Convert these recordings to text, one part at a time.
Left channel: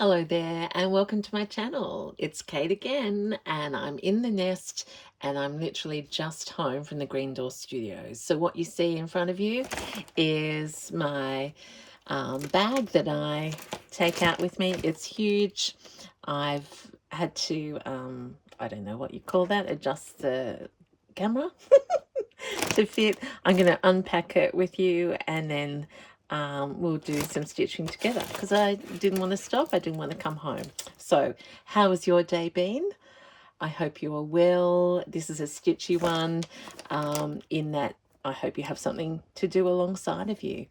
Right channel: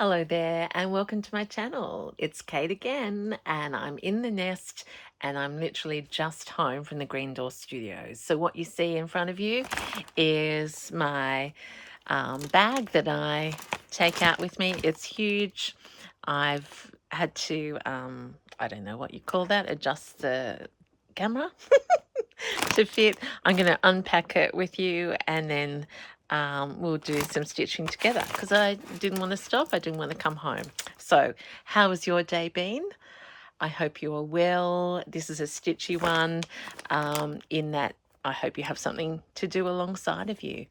Hello there and welcome to my channel. It's Kate again and I'm in the nest and I'm literally just home from the Green Door Studios. So what you see in front of you is my bag that I take out with me. It's huge. I've had to, I don't know what you call that, adjust the camera to fit. I'm going to unpack it with you and then we'll do some stitching together because I didn't want to stop. I didn't want to come home. So how has your day been? I hope you are well. This is a stitchy one in that I hope you have something to do alongside of you.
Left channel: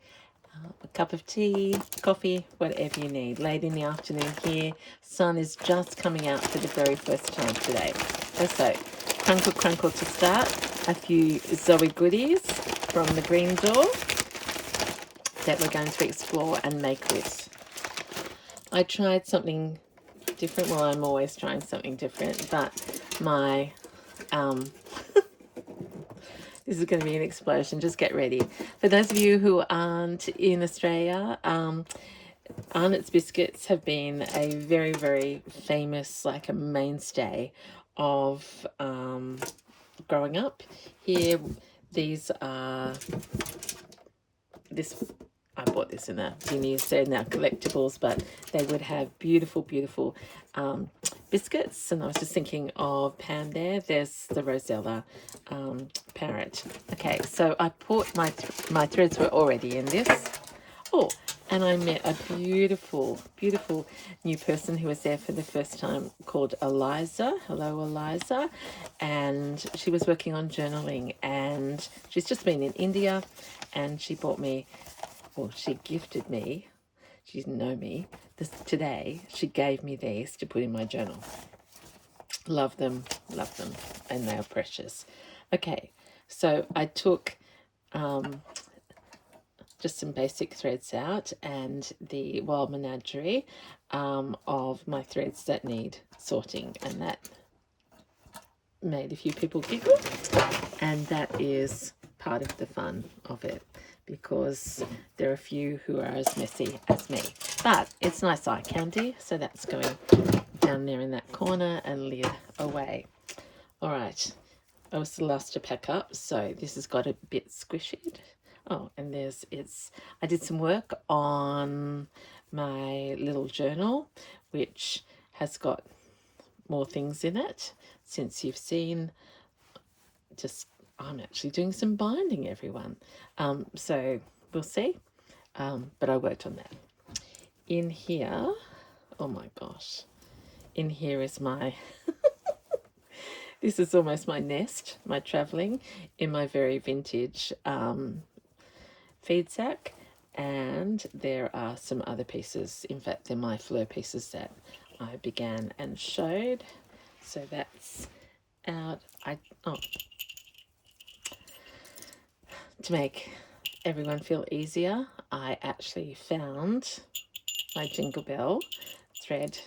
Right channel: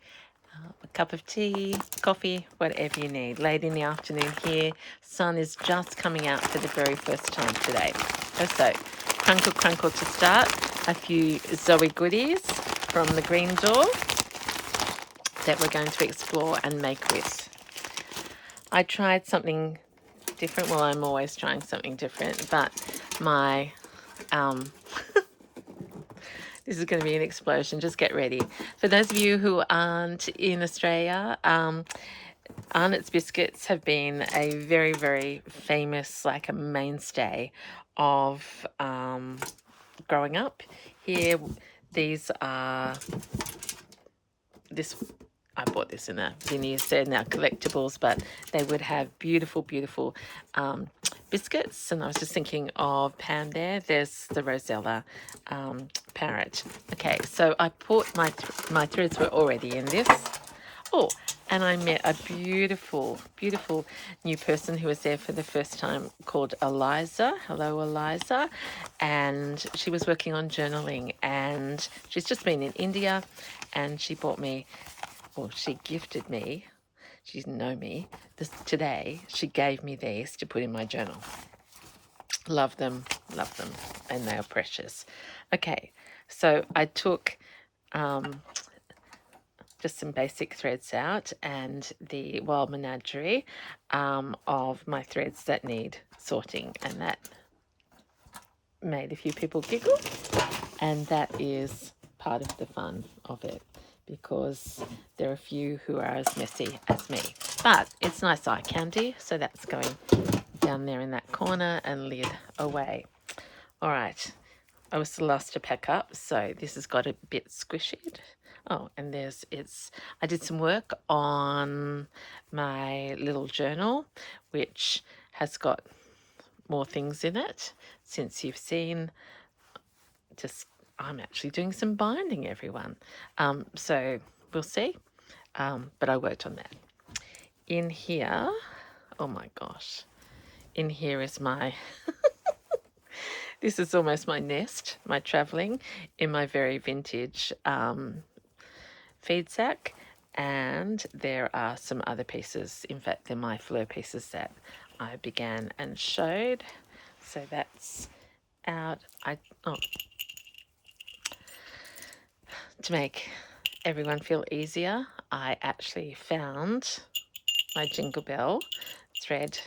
A cup of tea, coffee, whatever you need. Late in the afternoon here. Sun is just coming out for the very first time today. So, crunkle crunkle to start. A few Zoe goodies from the Green Door that we're going to explore and make with. I tried something different. Well, I'm always trying something different, but my this is going to be an explosion. Just get ready. For those of you who aren't in Australia, Arnott's biscuits have been a very, very famous, like a mainstay of growing up here. These are I bought this in a Vinnie's. They're now collectibles, but they would have beautiful, beautiful biscuits. And I was just thinking of Pam there. There's the Rosella parrot. Okay, so I put my threads were already in this. Oh, and I met a beautiful, beautiful new person who was there for the first time called Eliza. Hello, Eliza. And she was working on journaling and she's just been in India and she bought me, well, she gifted me, she didn't know me, today she gave me these to put in my journal. Love them, and they are precious. Okay, so I took just some basic threads out and the wild menagerie of my threads that need sorting, and that made a few people giggle, and that is part of the fun of it because there are a few who are as messy as me, but it's nice eye candy, so that's going down there in that corner and lid away. All right, I was the last to pack up, so this has got a bit squishy. Oh, and I did some work on my little journal, which has got more things in it since you've seen. I'm actually doing some binding, everyone. So we'll see. But I worked on that. In here, oh my gosh, in here is my, this is almost my nest, my traveling in my very vintage feed sack. And there are some other pieces. In fact, they're my fleur pieces that I began and showed. So that's out. To make everyone feel easier, I actually found my Jingle Bell threader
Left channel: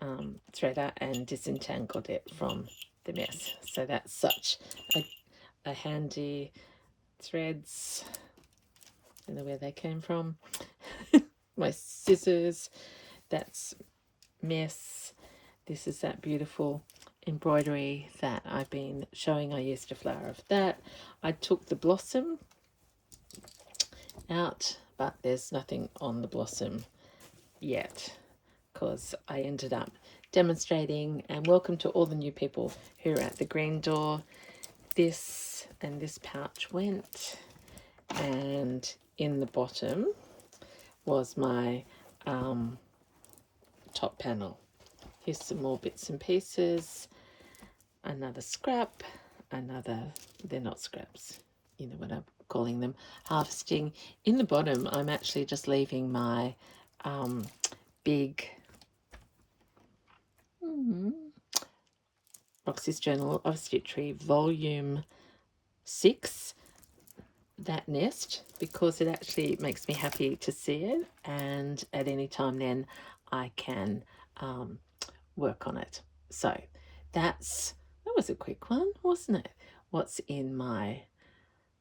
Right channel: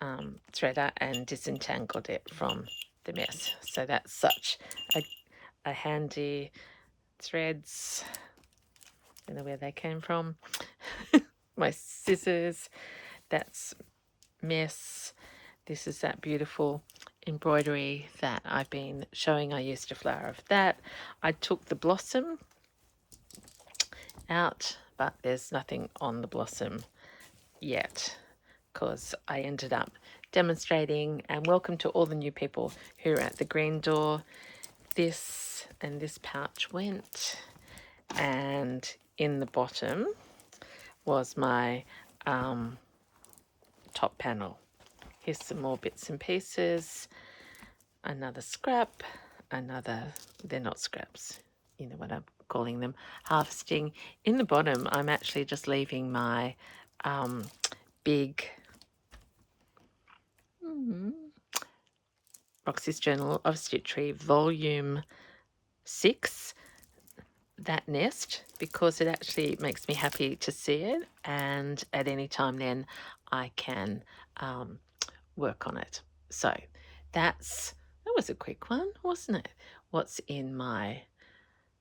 and disentangled it from the mess. So that's such a handy threads. I don't know where they came from. My scissors, that's mess. This is that beautiful embroidery that I've been showing. I used a flower of that. I took the blossom out, but there's nothing on the blossom yet because I ended up demonstrating. And welcome to all the new people who are at the Green Door. This and this pouch went, and in the bottom was my top panel. Here's some more bits and pieces. Another scrap, they're not scraps, you know what I'm calling them, harvesting. In the bottom, I'm actually just leaving my big Roxy's Journal of Stitchery Volume 6, that nest, because it actually makes me happy to see it, and at any time then I can work on it. So that was a quick one, wasn't it? What's in my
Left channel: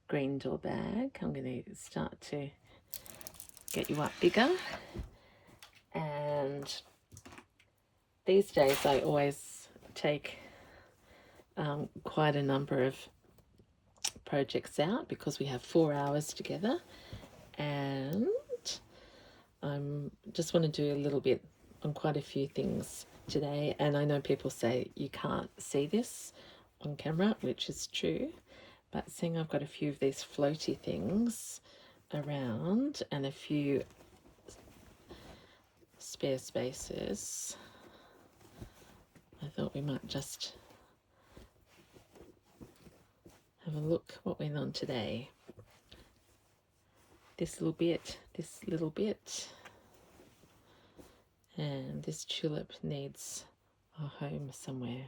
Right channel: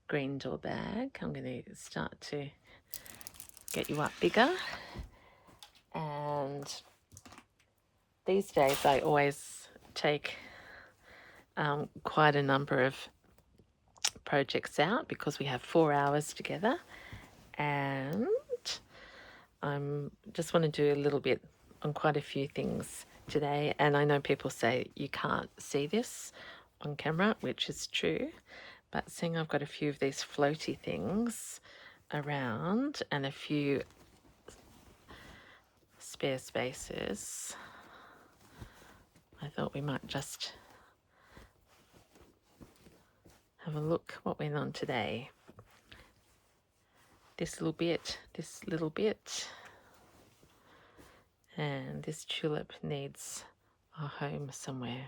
Green Door bag? I'm going to start to get you up bigger. And These days I always take quite a number of projects out because we have 4 hours together, and I'm just want to do a little bit on quite a few things today. And I know people say you can't see this on camera, which is true, but seeing I've got a few of these floaty things around and a few spare spaces, I thought we might just have a look what went on today. This little bit, and this tulip needs a home somewhere,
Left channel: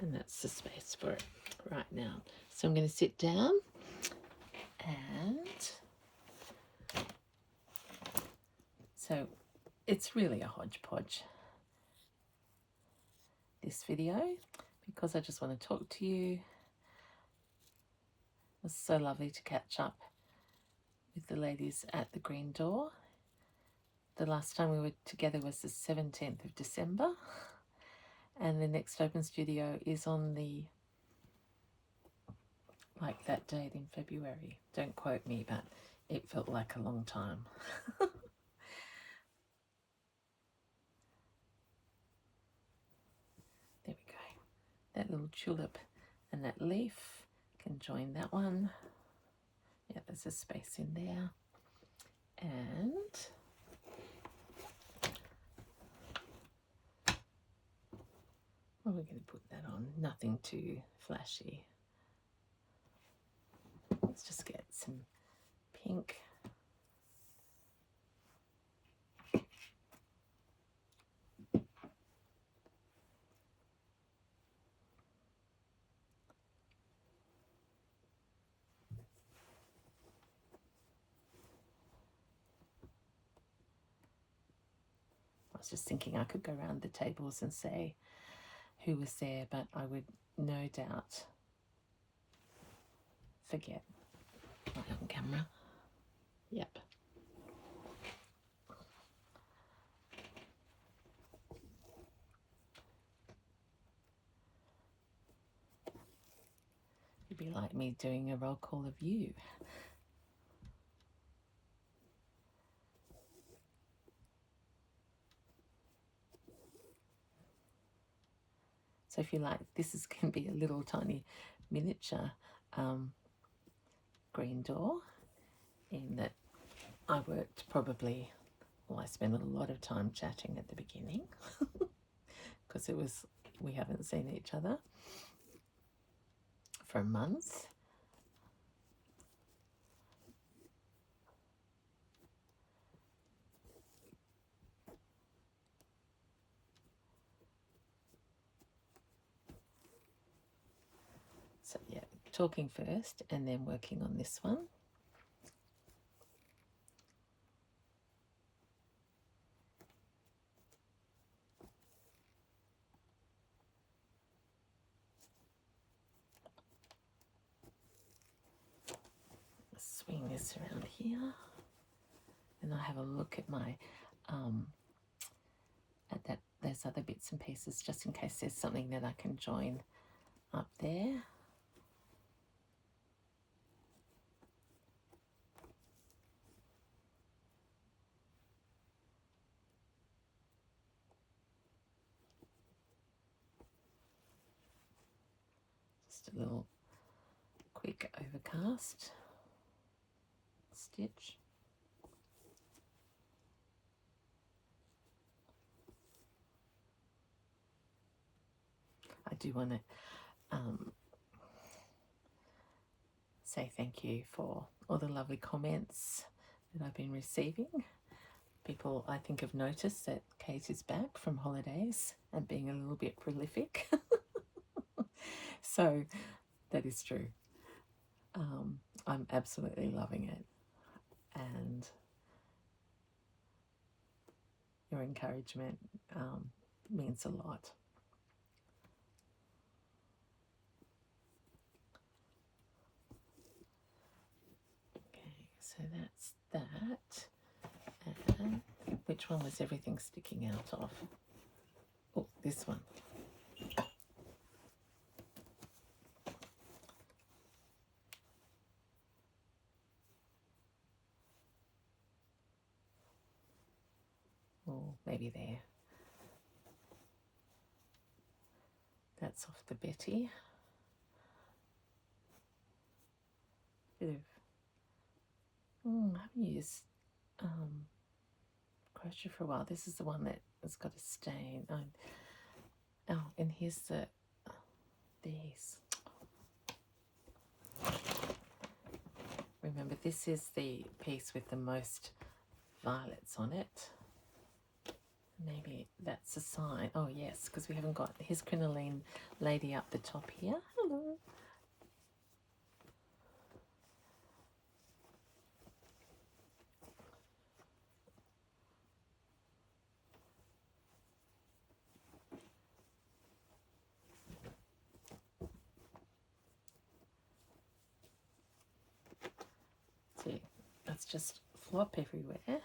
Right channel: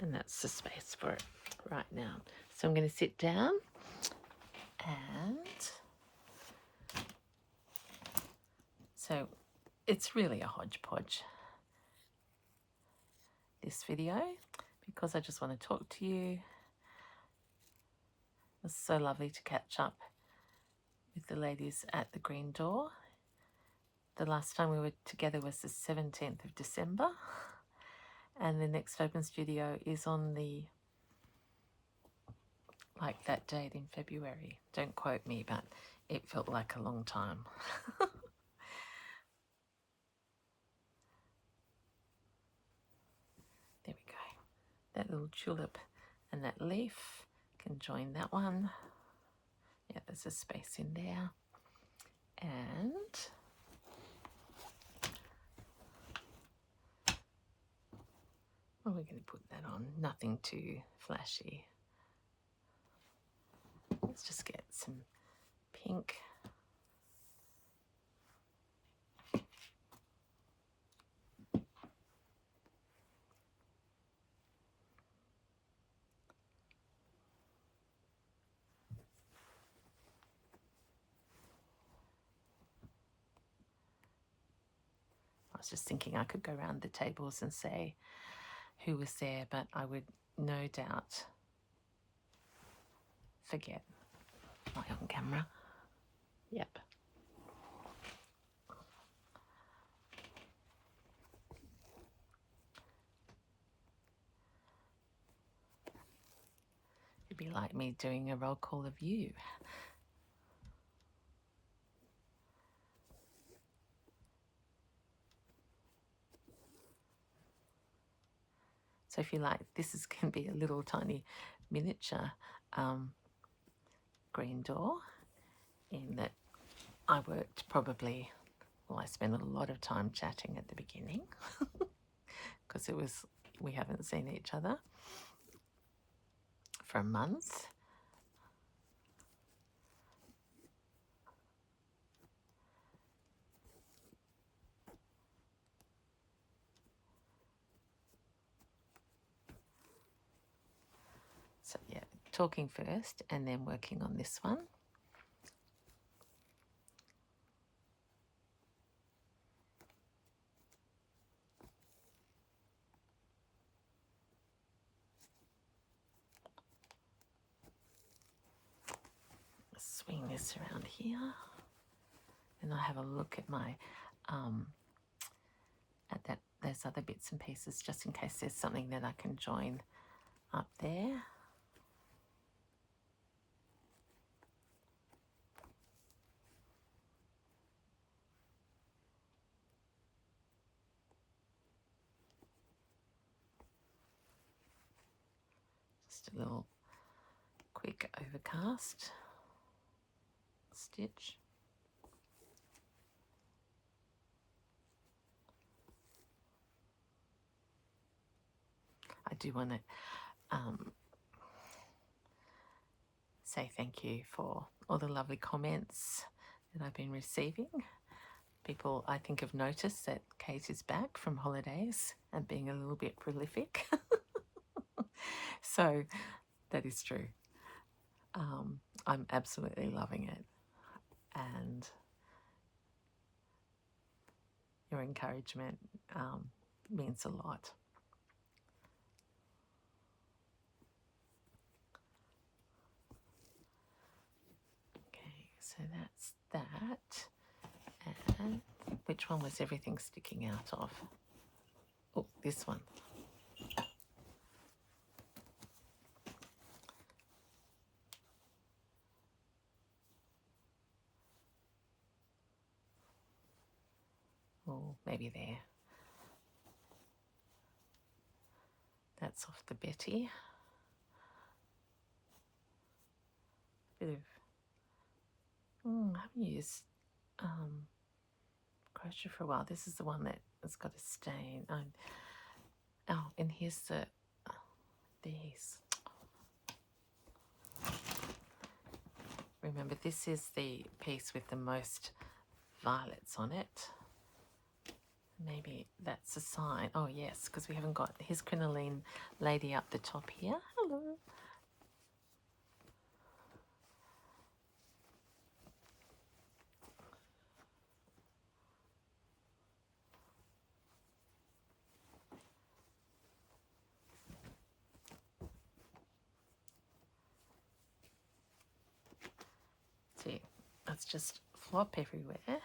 and that's the space for it right now. So I'm going to sit down, and so it's really a hodgepodge, this video, because I just want to talk to you. It's so lovely to catch up with the ladies at the Green Door. The last time we were together was the 17th of December, and the next open studio is on the, like, that date in February. Don't quote me, but it felt like a long time. There we go. That little tulip and that leaf can join that one. Yeah, there's a space in there. And well, we're going to put that on. Nothing too flashy. Let's just get some pink. I was just thinking I could go around the tables and say who was there, but I would no doubt forget. Right on camera. Yep. It'd be like me doing a roll call of you. So if you like, this is going to be a little tiny miniature Green Door, in that I worked probably, well, I spent a lot of time chatting at the beginning because we haven't seen each other for a month. So yeah, talking first and then working on this one. Swing this around here, and I have a look at my those other bits and pieces, just in case there's something that I can join up there. Just a little quick overcast stitch. I do want to say thank you for all the lovely comments that I've been receiving. People, I think, have noticed that Kate is back from holidays and being a little bit prolific. So that is true. I'm absolutely loving it, and your encouragement means a lot. Okay, so that's that. And which one was everything sticking out of? Oh, this one. Oh, maybe there. That's off the Betty. Bit of, I haven't used crochet for a while. This is the one that has got a stain. Oh, and here's these. Remember, this is the piece with the most violets on it. Maybe that's a sign. Oh yes, because we haven't got his crinoline lady up the top here. Hello. See, let's just flop everywhere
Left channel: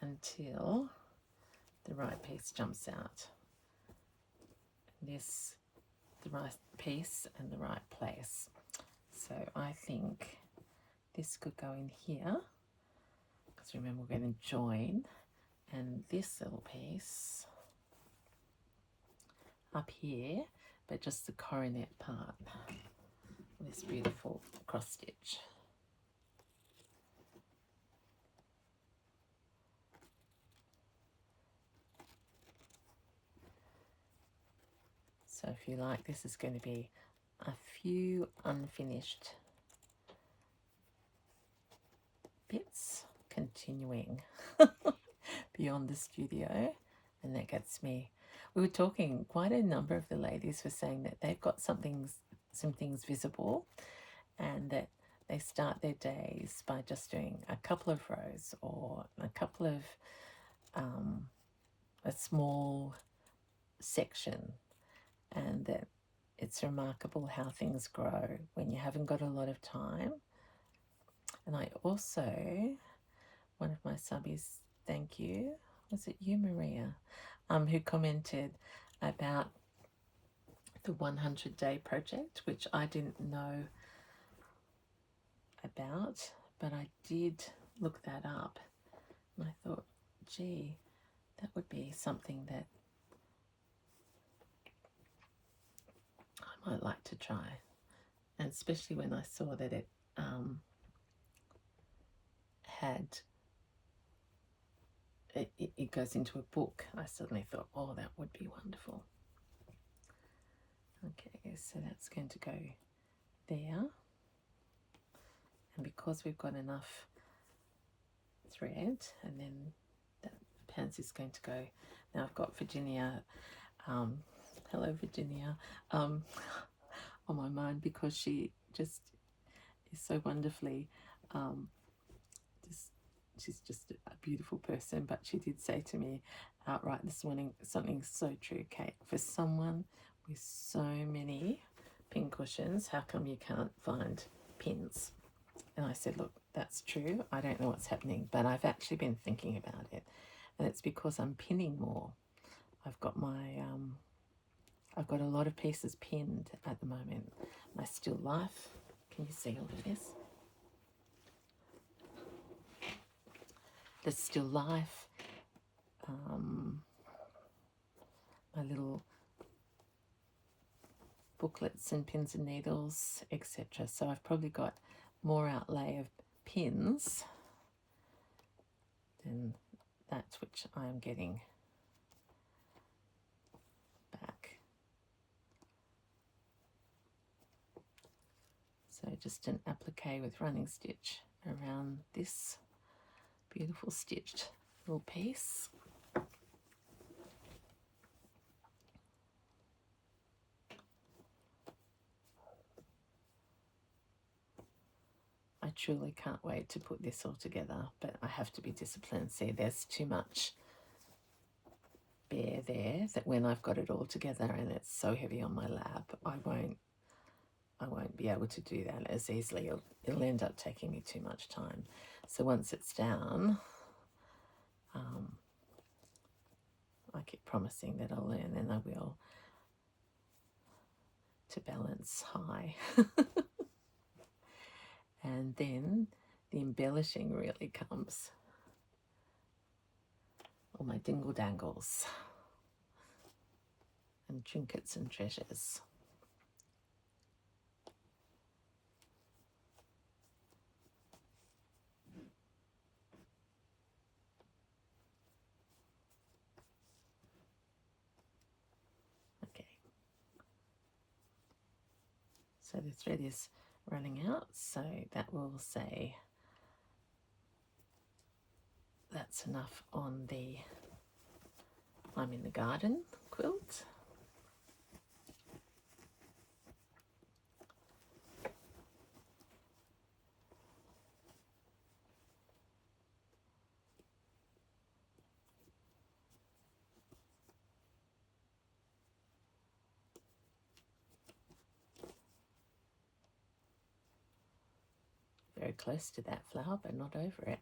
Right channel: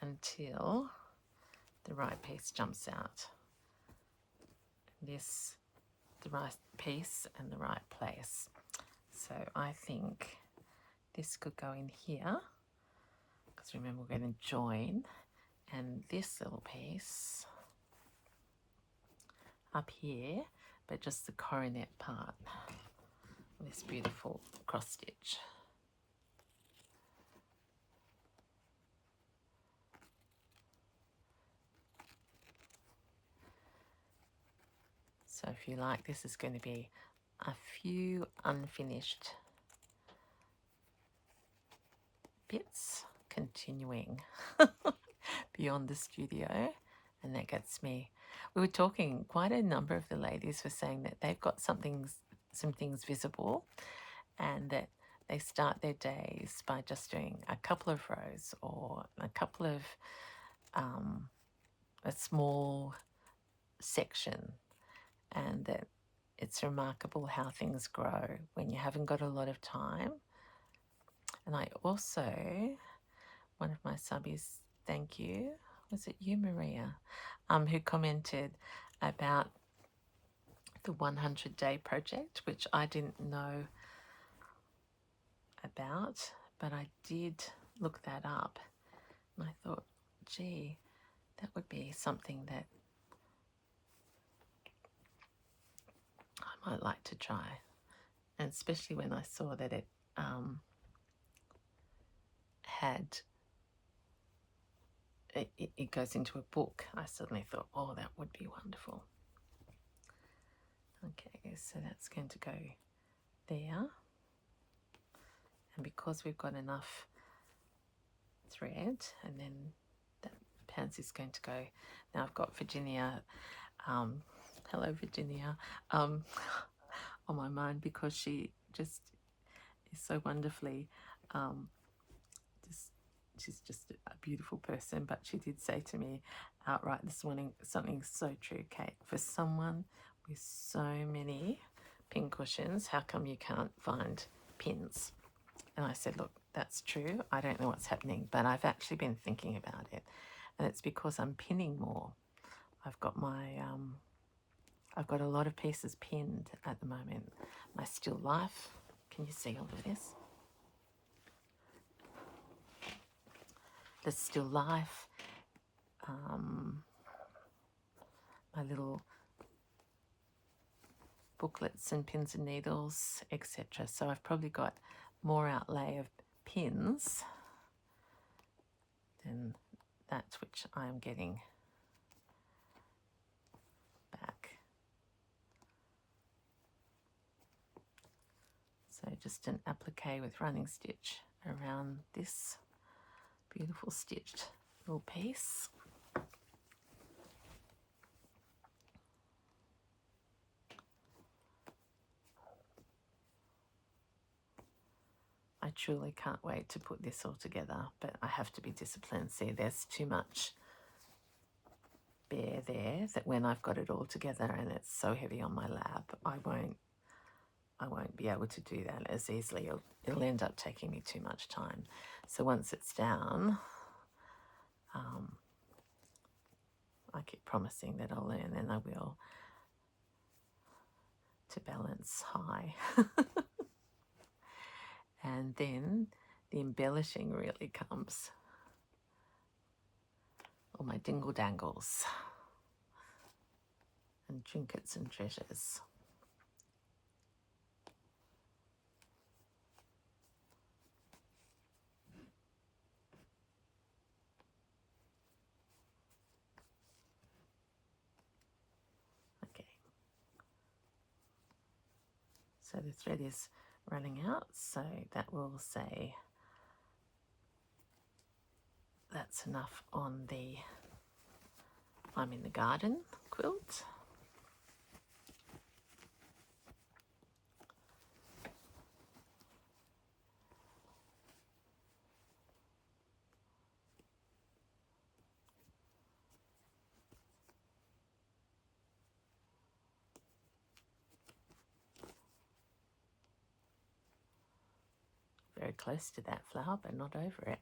until the right piece jumps out. This, the right piece and the right place. So I think this could go in here, because remember we're going to join, and this little piece up here, but just the coronet part, this beautiful cross stitch. So if you like, this is going to be a few unfinished bits continuing beyond the studio, and that gets me. We were talking, quite a number of the ladies were saying that they've got some things visible, and that they start their days by just doing a couple of rows or a couple of a small section, and that it's remarkable how things grow when you haven't got a lot of time. And I also, one of my subbies, thank you, was it you, Maria, who commented about the 100-day project, which I didn't know about, but I did look that up, and I thought, gee, that would be something that I might like to try. And especially when I saw that it it goes into a book, I suddenly thought, oh, that would be wonderful. Okay, so that's going to go there, and because we've got enough thread, and then that pansy's going to go. Now I've got Virginia, hello Virginia, on my mind, because she just is so wonderfully she's just a beautiful person. But she did say to me outright this morning something so true, Kate. For someone with so many pin cushions, how come you can't find pins? And I said, look, that's true. I don't know what's happening, but I've actually been thinking about it, and it's because I'm pinning more. I've got my I've got a lot of pieces pinned at the moment. My Still Life, can you see all of this? The Still Life, my little booklets and pins and needles, etc. So I've probably got more outlay of pins than that which I am getting back. So just an applique with running stitch around this beautiful stitched little piece. I truly can't wait to put this all together, but I have to be disciplined. See, there's too much bare there that when I've got it all together and it's so heavy on my lap, I won't be able to do that as easily. It'll end up taking me too much time. So once it's down, I keep promising that I'll learn, and I will, to balance high. And then the embellishing really comes. All my dingle dangles and trinkets and treasures. Okay. So the thread is running out, so that will say that's enough on the I'm in the Garden quilt. Very close to that flower, but not over it.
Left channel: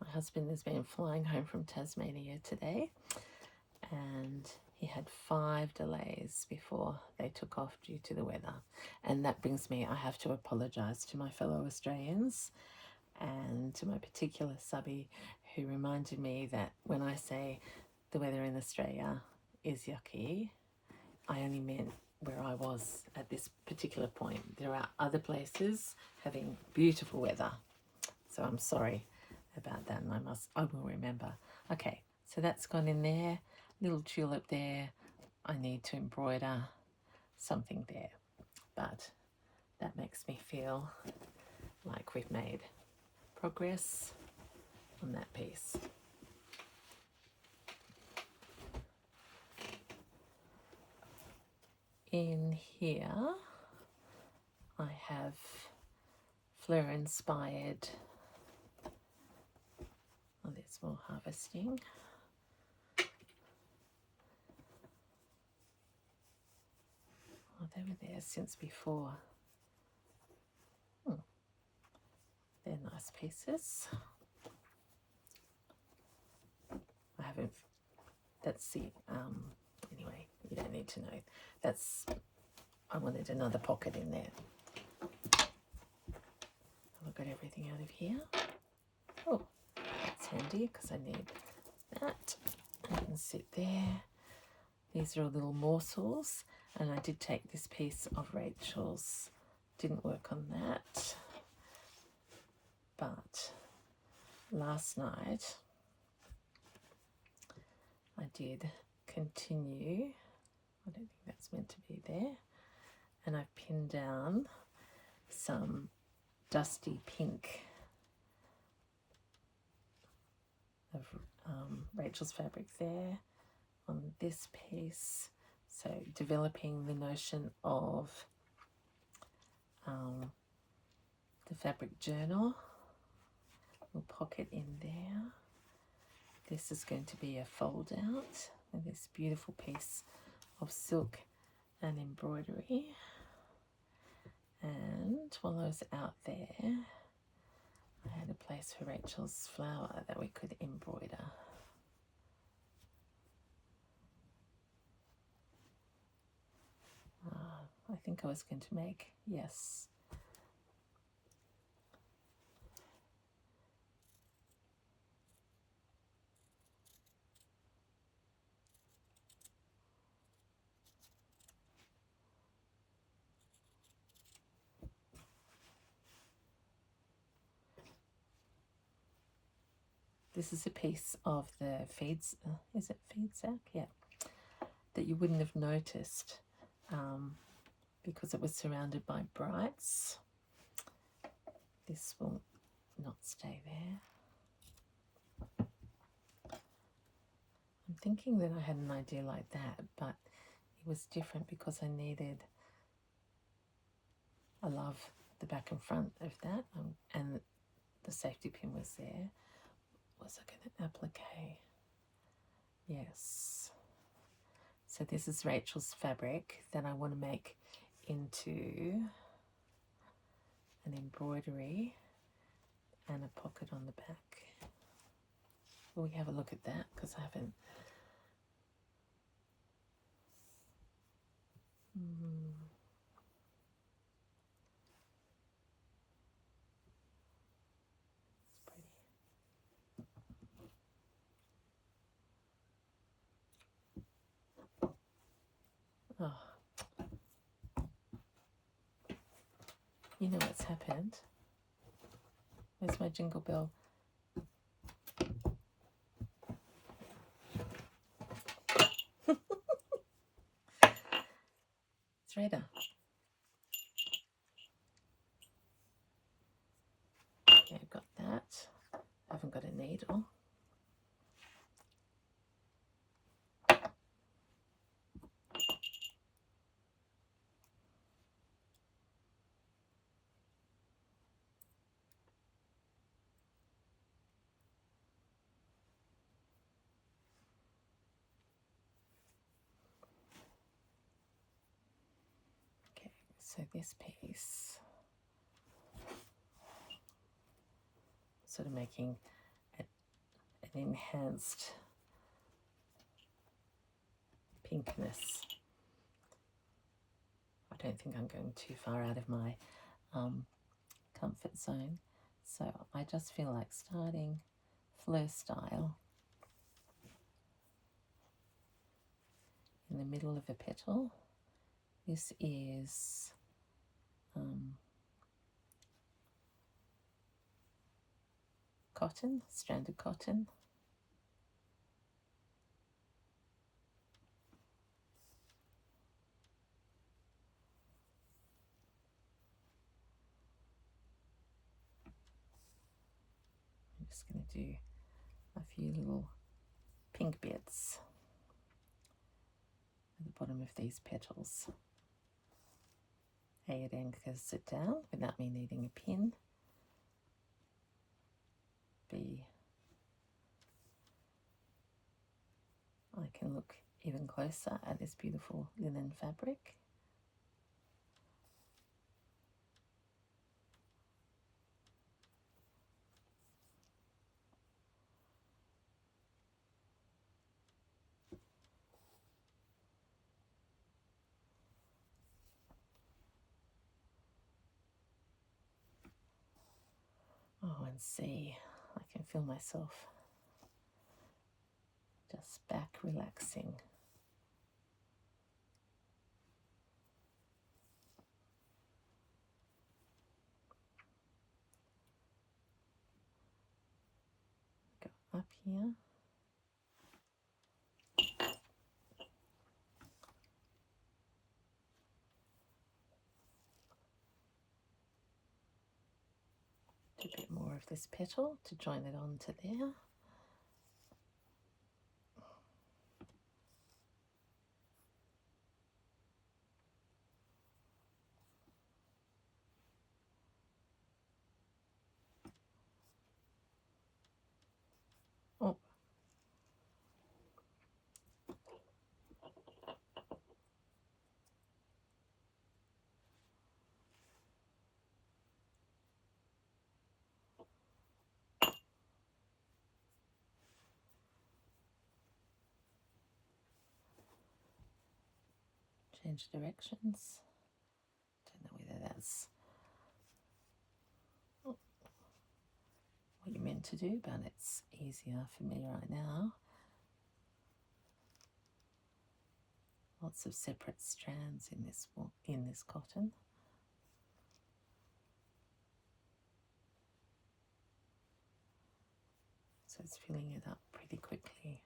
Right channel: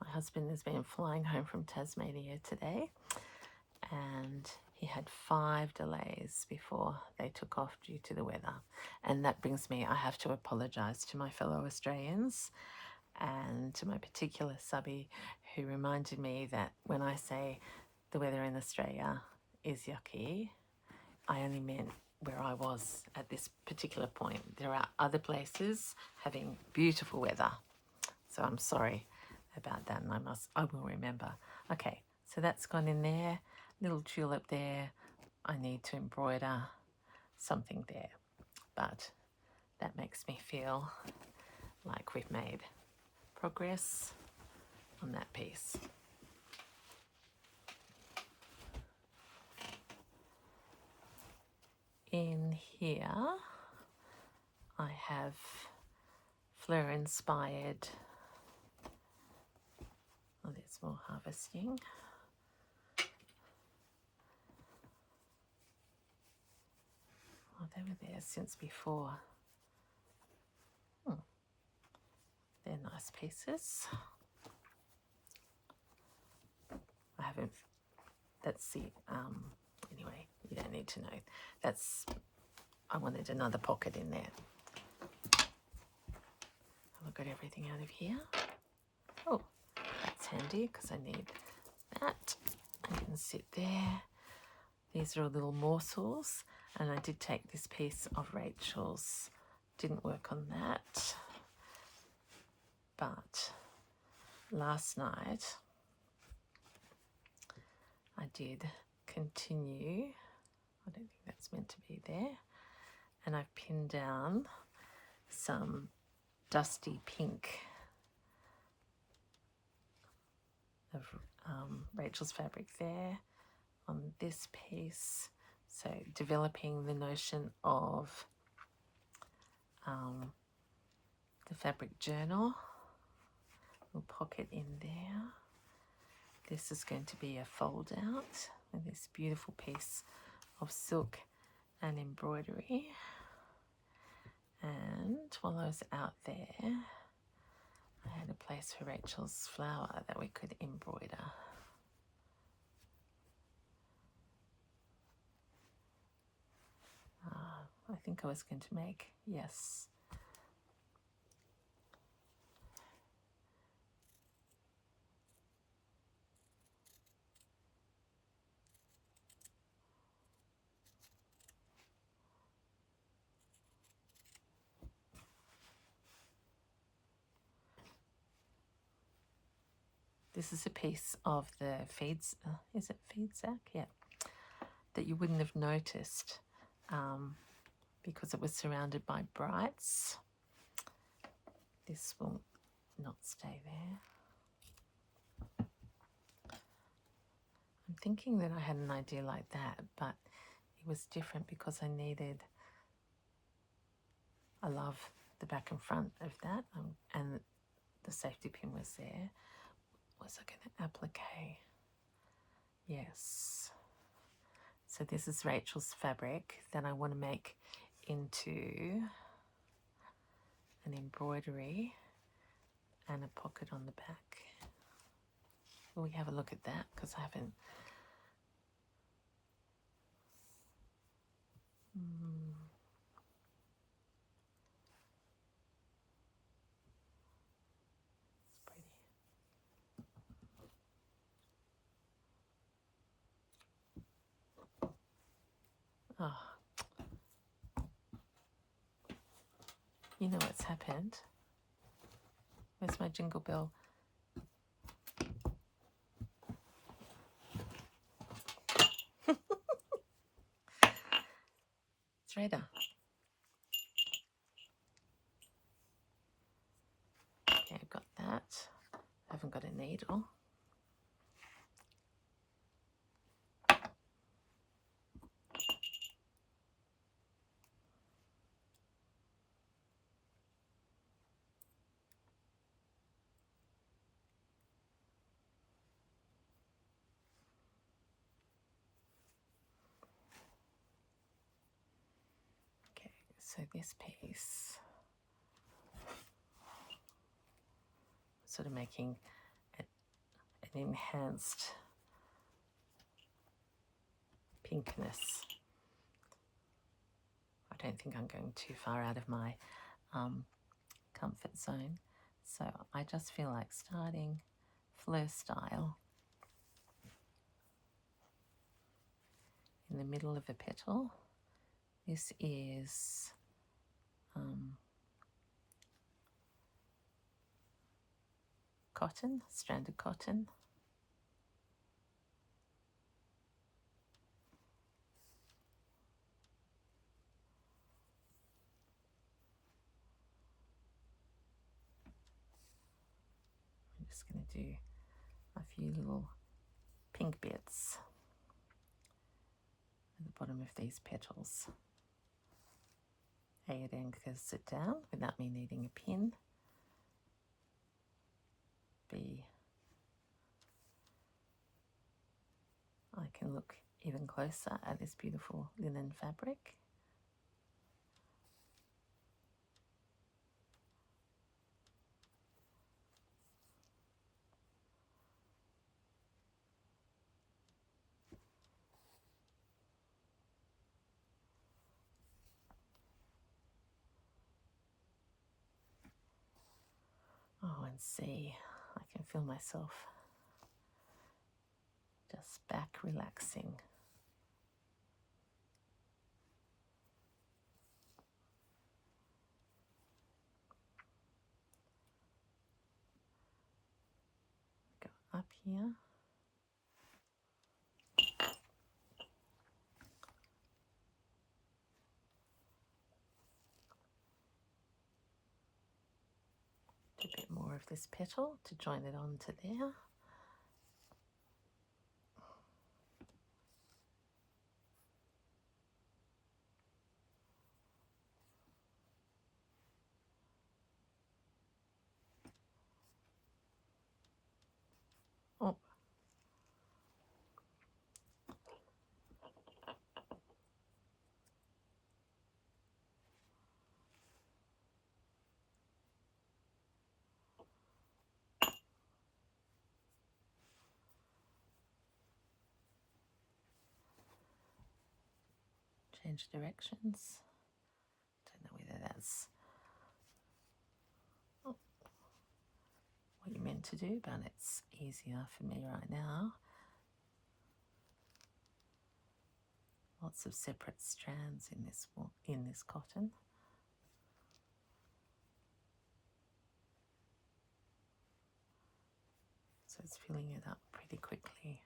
My husband has been flying home from Tasmania today, and he had 5 delays before they took off due to the weather. And that brings me, I have to apologise to my fellow Australians and to my particular subby who reminded me that when I say the weather in Australia is yucky, I only meant where I was at this particular point. There are other places having beautiful weather, so I'm sorry about that, and I will remember. Okay, so that's gone in there. Little tulip there. I need to embroider something there, but that makes me feel like we've made progress on that piece. In here I have fleur inspired, oh, there's more harvesting. Oh, they were there since before. They're nice pieces. I haven't, that's the, anyway, you don't need to know. That's, I wanted another pocket in there. I've got everything out of here. Oh, that's handy because I need that. I can sit there. These are little morsels, and I did take this piece of Rachel's. Didn't work on that. But last night I did continue. I don't think that's meant to be there. And I pinned down some dusty pink of Rachel's fabric there on this piece. So developing the notion of the fabric journal. Little pocket in there. This is going to be a fold out with this beautiful piece of silk and embroidery. And while I was out there, I had a place for Rachel's flower that we could embroider. I think I was going to make, yes. This is a piece of the feeds, is it feed sack? Yeah, that you wouldn't have noticed because it was surrounded by brights. This will not stay there. I'm thinking that I had an idea like that, but it was different because I needed, I love the back and front of that, and the safety pin was there. Was I going to applique? Yes. So this is Rachel's fabric that I want to make into an embroidery and a pocket on the back. Will we have a look at that? Because I haven't. It's pretty. Oh, you know what's happened? Where's my jingle bell? Threader. Okay, I've got that. I haven't got a needle. Okay, so this piece, sort of making an enhanced pinkness. I don't think I'm going too far out of my comfort zone, so I just feel like starting fleur style in the middle of a petal. This is cotton, stranded cotton. I'm just going to do a few little pink bits at the bottom of these petals. A, it anchors it down without me needing a pin. B, I can look even closer at this beautiful linen fabric. Oh, and see, I can feel myself just back relaxing. Go up here. Do a bit more of this petal to join it onto there. Oh. Change directions. Don't know whether that's what you're meant to do, but it's easier for me right now. Lots of separate strands in this cotton. So it's filling it up pretty quickly.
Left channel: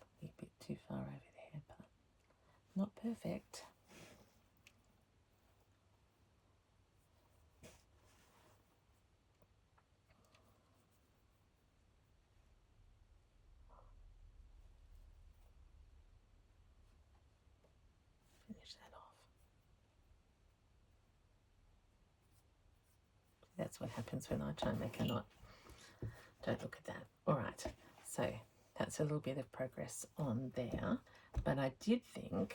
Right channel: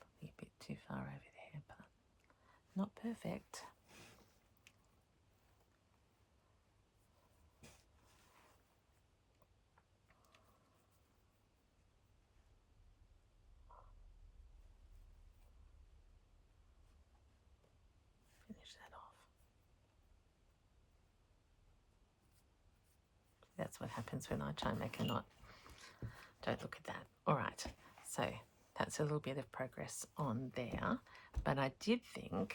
Probably a bit too far over there, but not perfect. That's what happens when I try and make a knot. Don't look at that. All right, so that's a little bit of progress on there, but I did think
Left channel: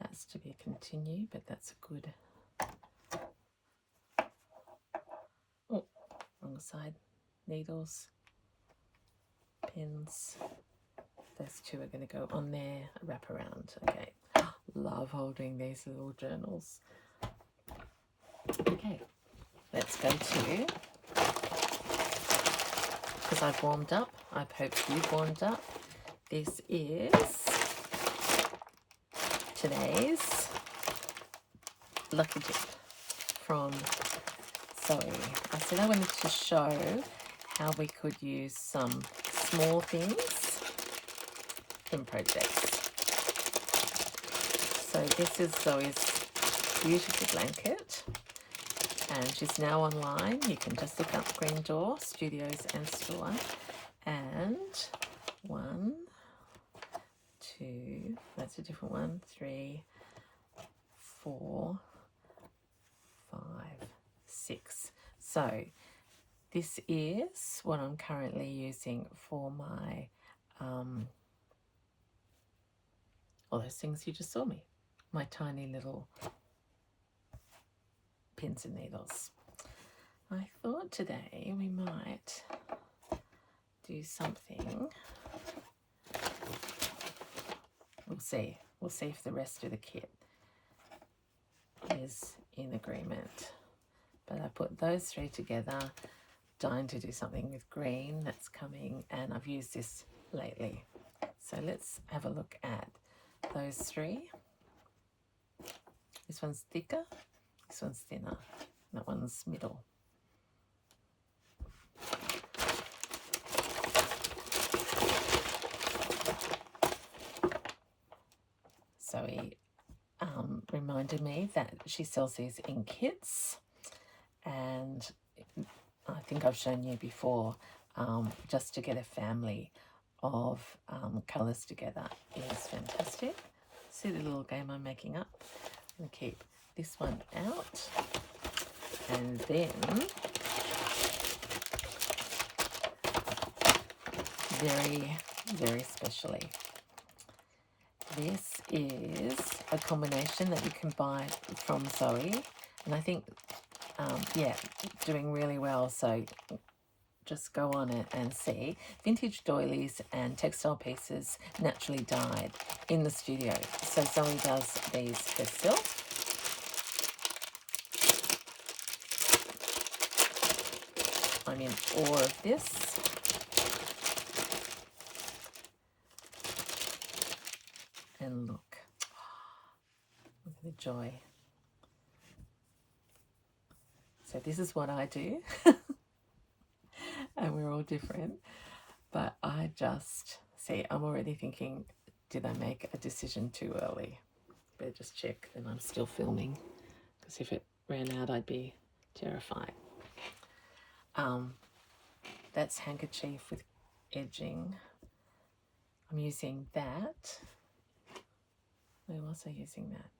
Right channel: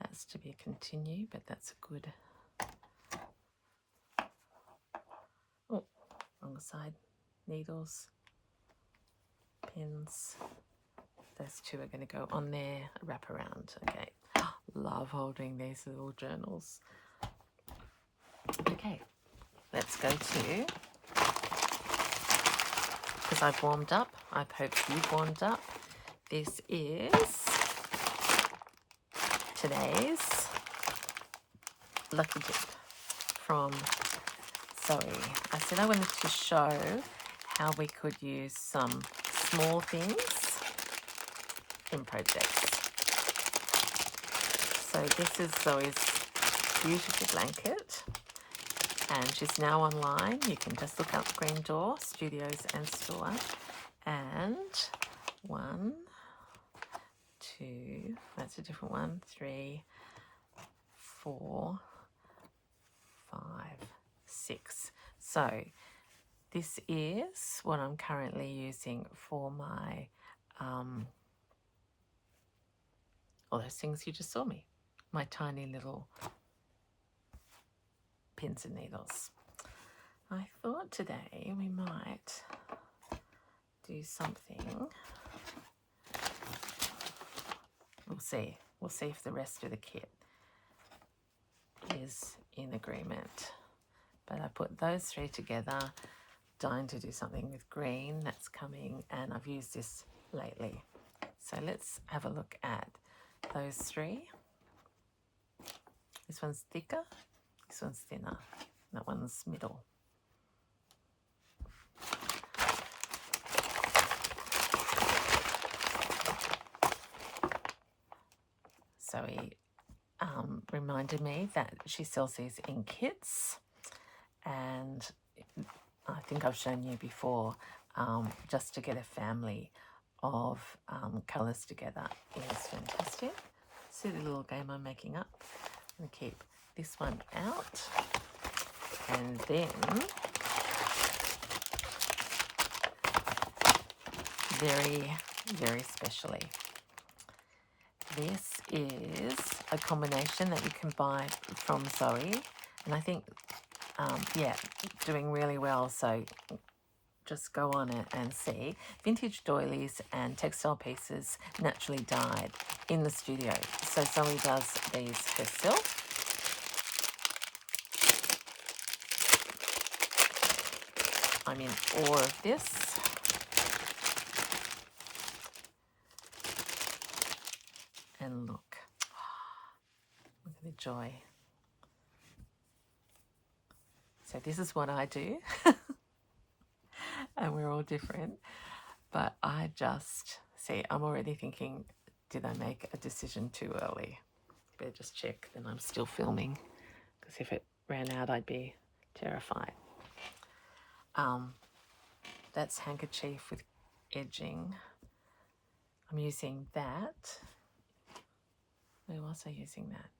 that's to be continued, but that's a good, oh, wrong side, needles, pins, those two are going to go on there, wrap around. Okay, love holding these little journals. Okay, let's go to, because I've warmed up, I hope you've warmed up. This is today's lucky dip from Zoe. I said I wanted to show how we could use some small things in projects. So this is Zoe's beautiful blanket, and she's now online. You can just look up Green Door Studios and Store, and 1, 2, that's a different one, 3, 4, 5, 6. So this is what I'm currently using for my all those things you just saw me, my tiny little pins and needles. I thought today we might do something. We'll see if the rest of the kit is in agreement. But I put those 3 together, dying to do something with green that's coming, and I've used this lately. So let's have a look at those 3. This one's thicker, this one's thinner, that one's middle. Zoe reminded me that she sells these in kits, and I think I've shown you before, just to get a family of colours together is fantastic. See the little game I'm making up? I'm going to keep this one out, and then very, very specially, this is a combination that you can buy from Zoe, and I think, yeah, doing really well. So just go on it and see. Vintage doilies and textile pieces naturally dyed in the studio. So Zoe does these herself. I'm in awe of this. And look at the joy. So this is what I do. And we're all different. But I just, see, I'm already thinking, did I make a decision too early? Better just check that I'm still filming, because if it ran out, I'd be terrified. That's handkerchief with edging. I'm using that. Where was I using that?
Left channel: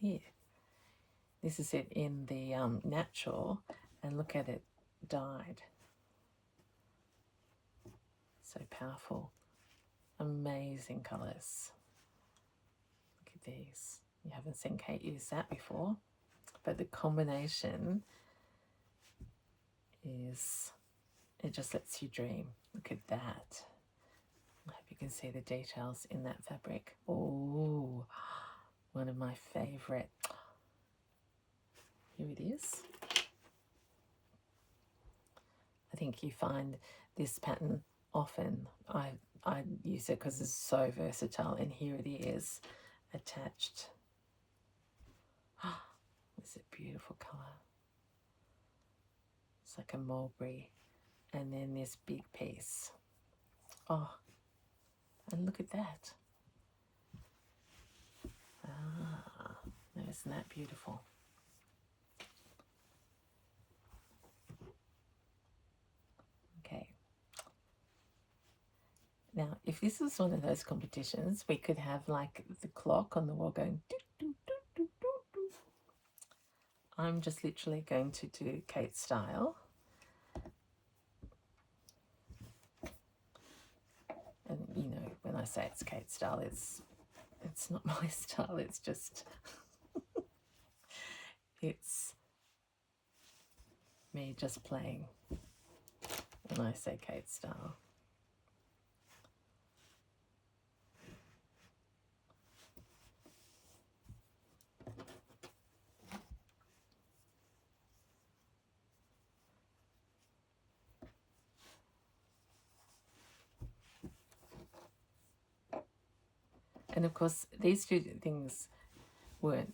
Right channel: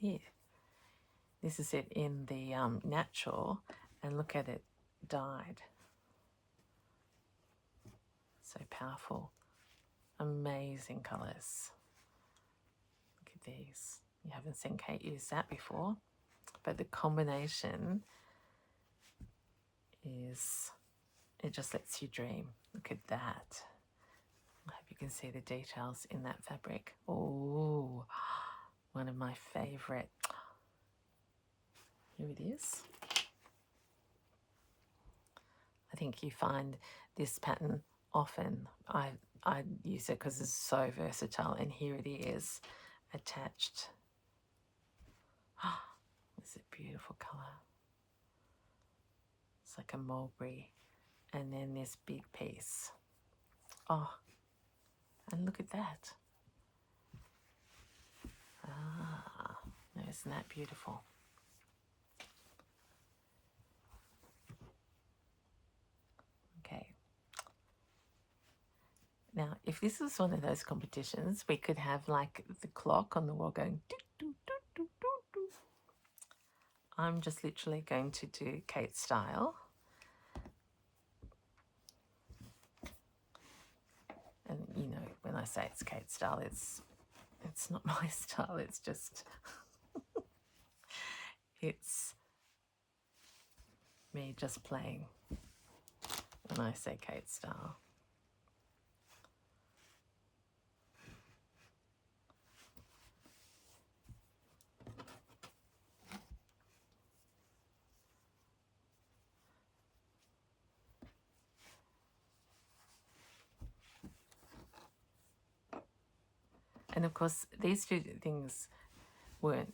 Here. This is it in the natural, and look at it dyed. So powerful. Amazing colours. Look at these. You haven't seen Kate use that before, but the combination is, it just lets you dream. Look at that. I hope you can see the details in that fabric. Oh, one of my favourite. Here it is. I think you find this pattern often. I use it because it's so versatile, and here it is attached. It's a beautiful colour. It's like a mulberry, and then this big piece. Oh, and look at that. Isn't that beautiful? Okay. Now, if this is one of those competitions, we could have like the clock on the wall going, doo, doo, I'm just literally going to do Kate style. And you know, when I say it's Kate style, it's not my style, it's just it's me just playing when I say Kate style. And of course, these two things weren't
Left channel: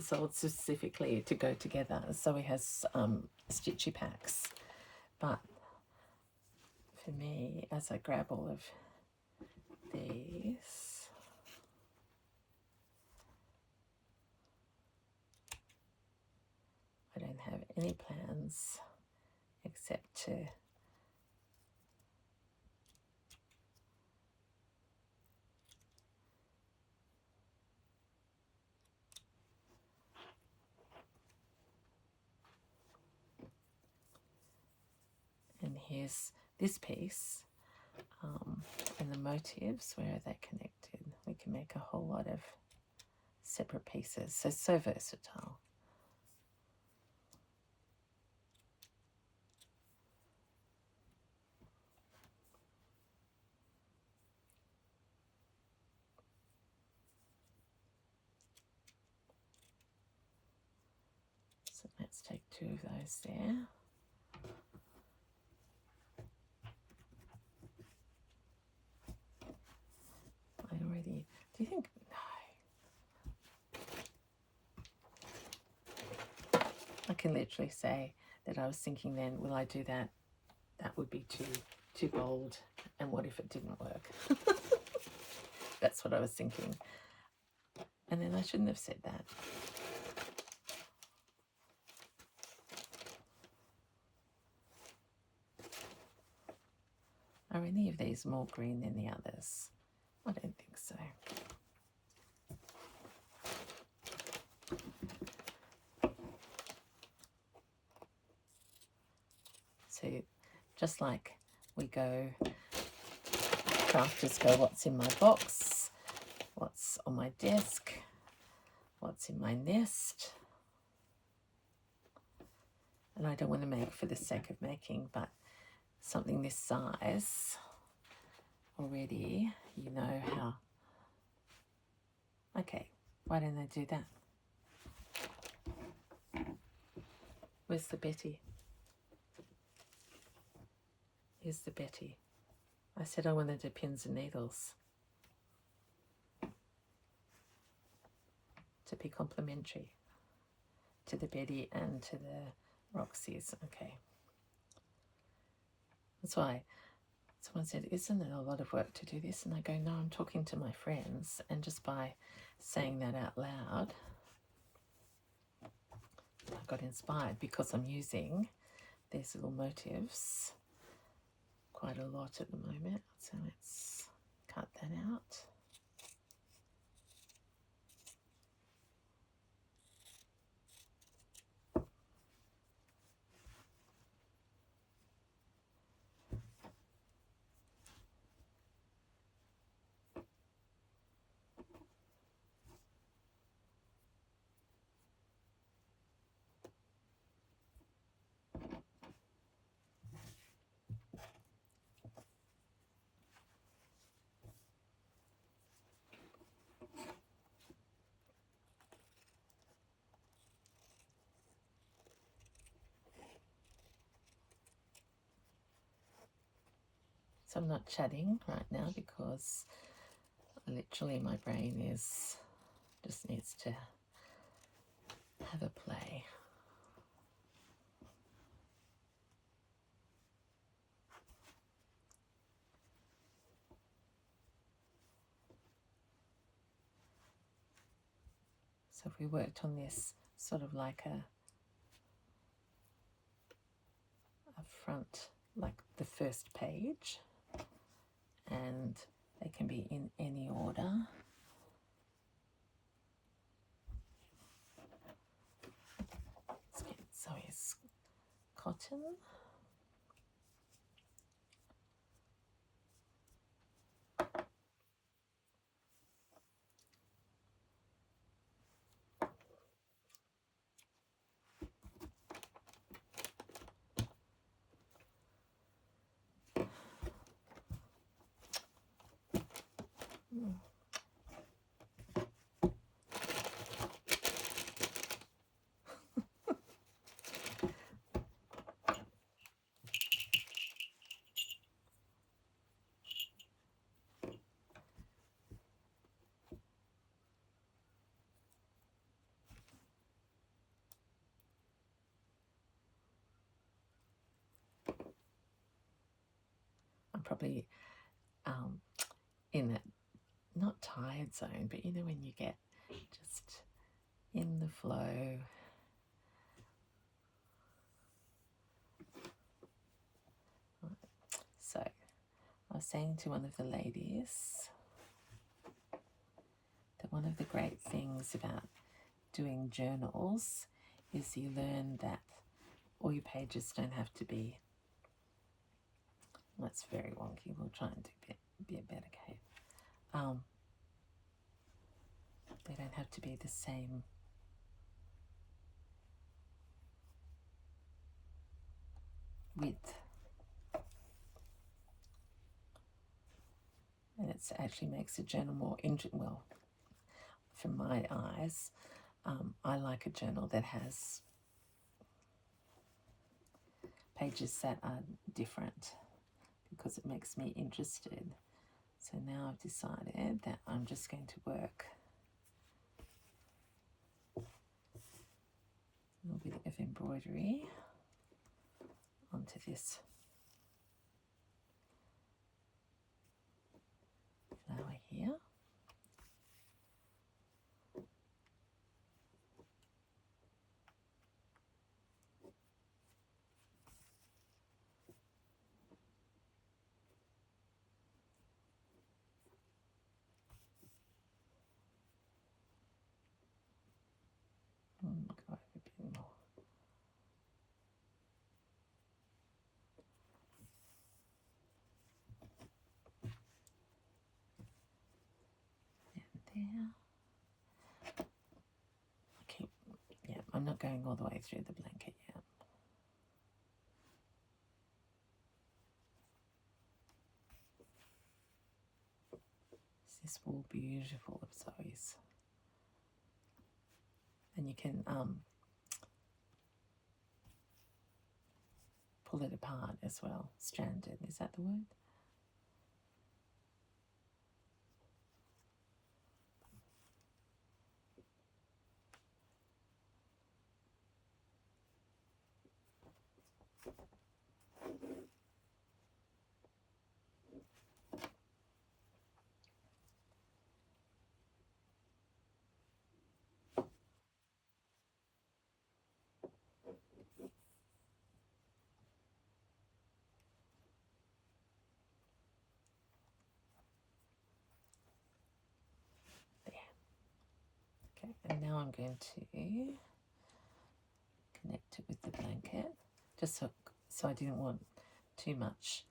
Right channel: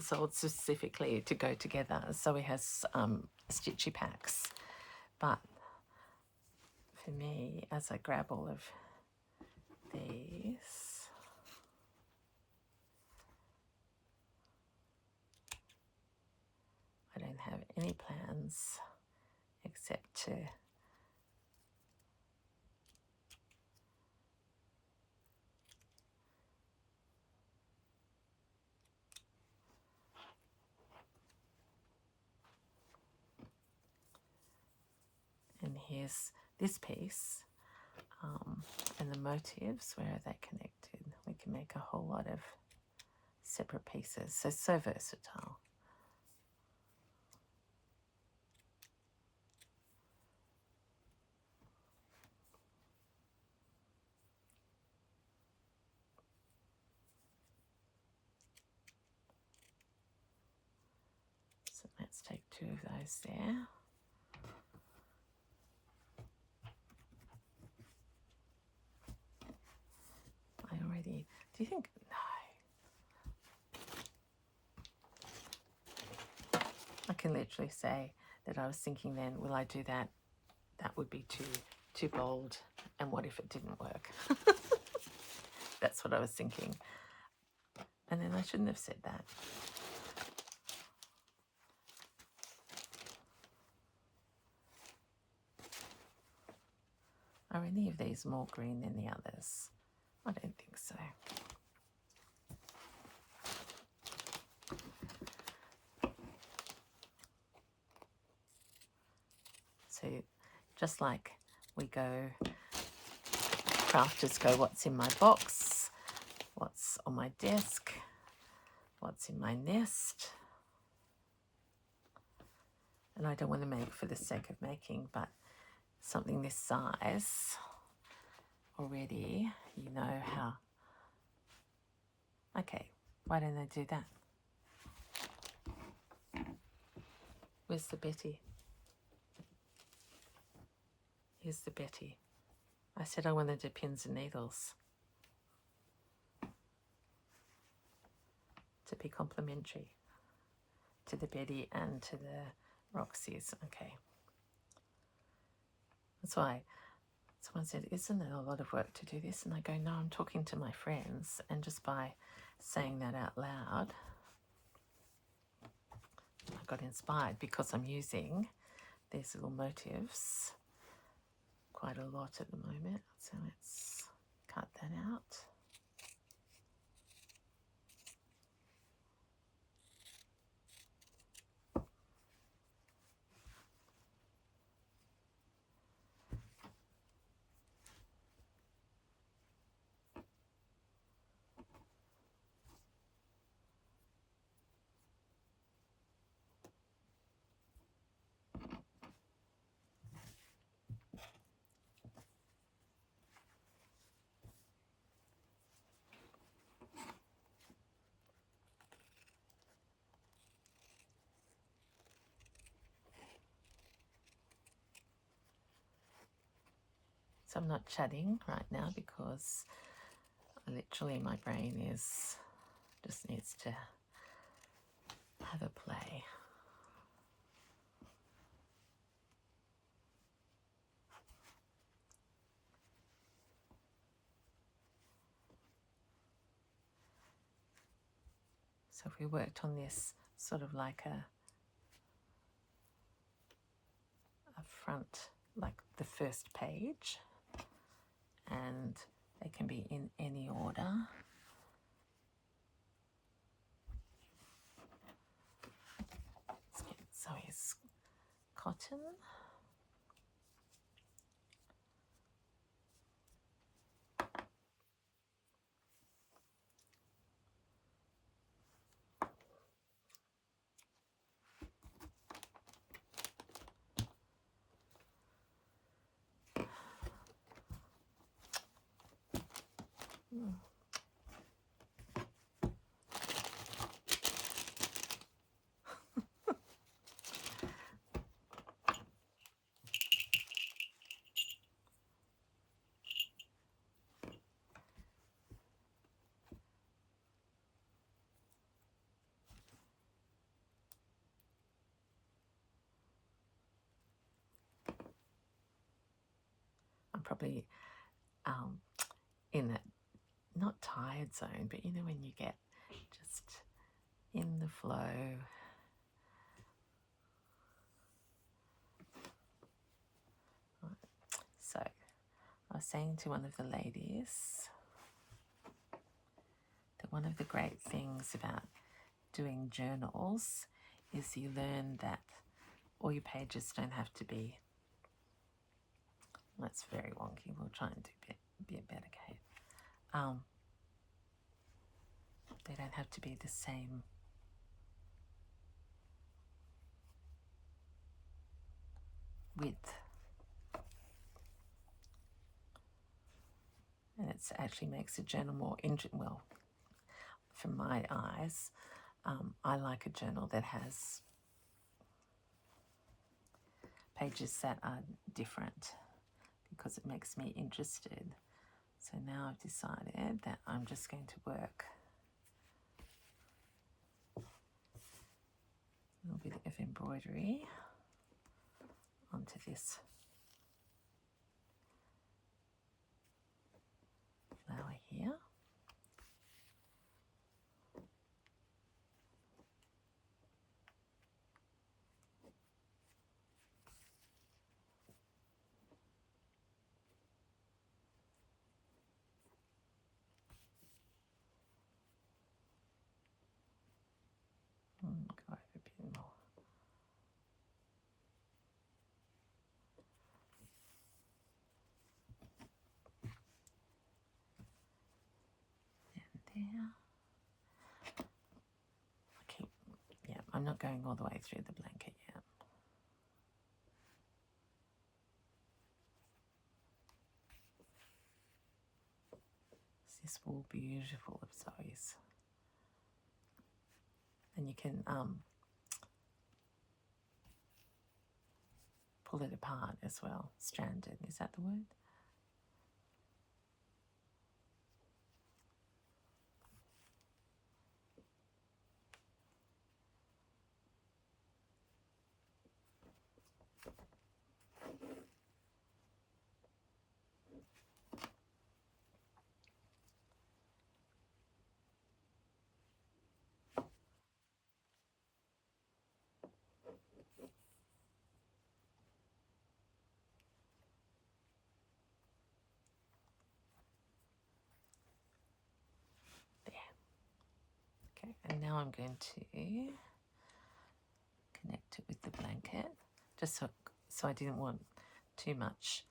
sold specifically to go together. So he has stitchy packs. But for me, as I grab all of these, I don't have any plans except to and here's this piece, and the motifs, where are they connected? We can make a whole lot of separate pieces, so versatile. So let's take 2 of those there. Do you think, no. I can literally say that I was thinking then, will I do that? That would be too bold. And what if it didn't work? That's what I was thinking. And then I shouldn't have said that. Are any of these more green than the others? I don't think so. So just like we go, crafters go, what's in my box? What's on my desk? What's in my nest? And I don't want to make for the sake of making, but something this size already, you know how. Okay, why don't I do that? Where's the Betty? Here's the Betty. I said I wanted to pins and needles to be complementary to the Betty and to the Roxy's. Okay. That's why someone said, isn't it a lot of work to do this? And I go, no, I'm talking to my friends. And just by saying that out loud, I got inspired, because I'm using these little motifs quite a lot at the moment. So let's cut that out. So I'm not chatting right now because literally my brain just needs to have a play. So if we worked on this sort of like a front, like the first page, and they can be in any order. pattern. I'm probably in that, not tired zone, but you know when you get just in the flow. So I was saying to one of the ladies that one of the great things about doing journals is you learn that all your pages don't have to be, that's very wonky, we'll try and do a bit better, Kate. They don't have to be the same width. And it actually makes a journal more well, from my eyes, I like a journal that has pages that are different because it makes me interested. So now I've decided that I'm just going to work a little bit of embroidery onto this flower here. Go over a bit more. And there. Okay, yeah, I'm not going all the way through the blanket yet. This wool beautiful of Zoe's, and you can pull it apart as well. Stranded, is that the word? Okay, and now I'm going to connect it with the blanket, just so I didn't want too much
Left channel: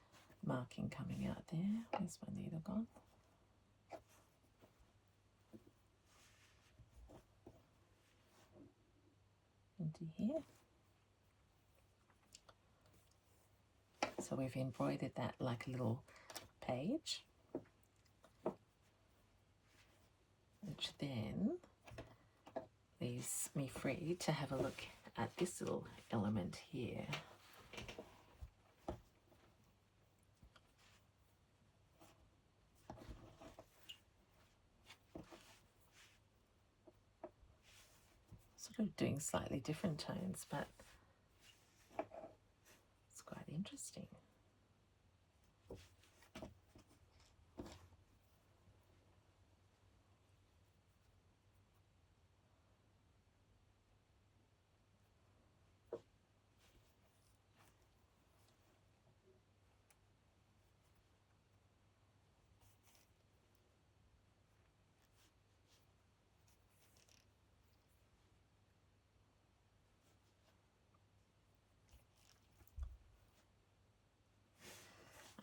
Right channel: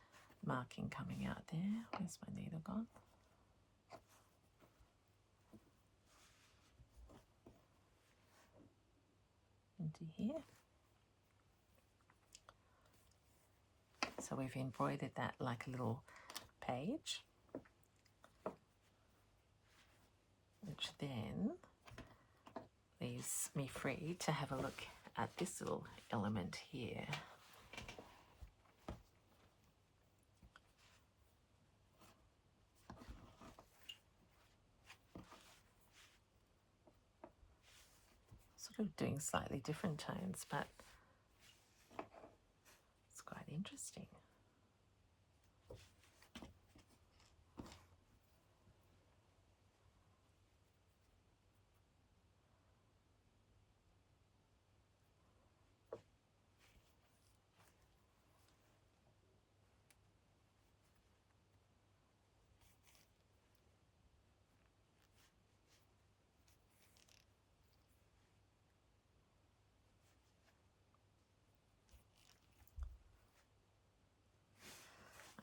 marking coming out there. Where's my needle gone? Into here. So we've embroidered that like a little page, which then leaves me free to have a look at this little element here. Sort of doing slightly different tones, but it's quite interesting.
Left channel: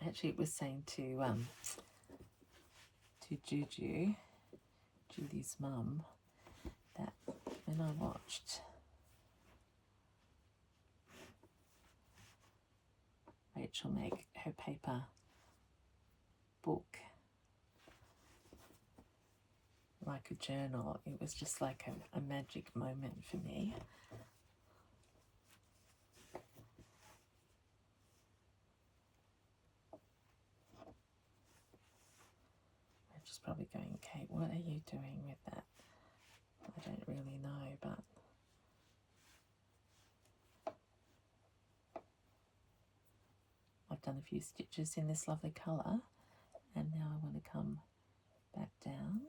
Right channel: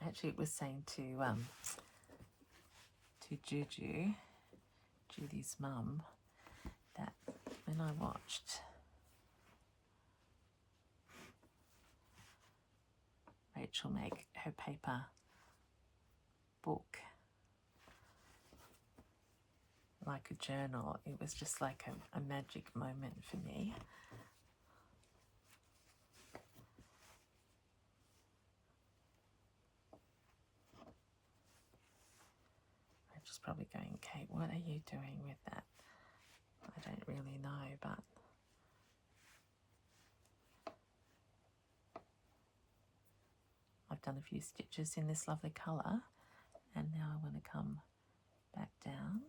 I actually was saying to Judy's mum, that when I watched Rachel make her paper book like a journal, it was just like a magic moment for me. I'm just probably going, Kate, what are you doing with that? I don't really know, but I've done a few stitches in this lovely colour, and now I want to come back down.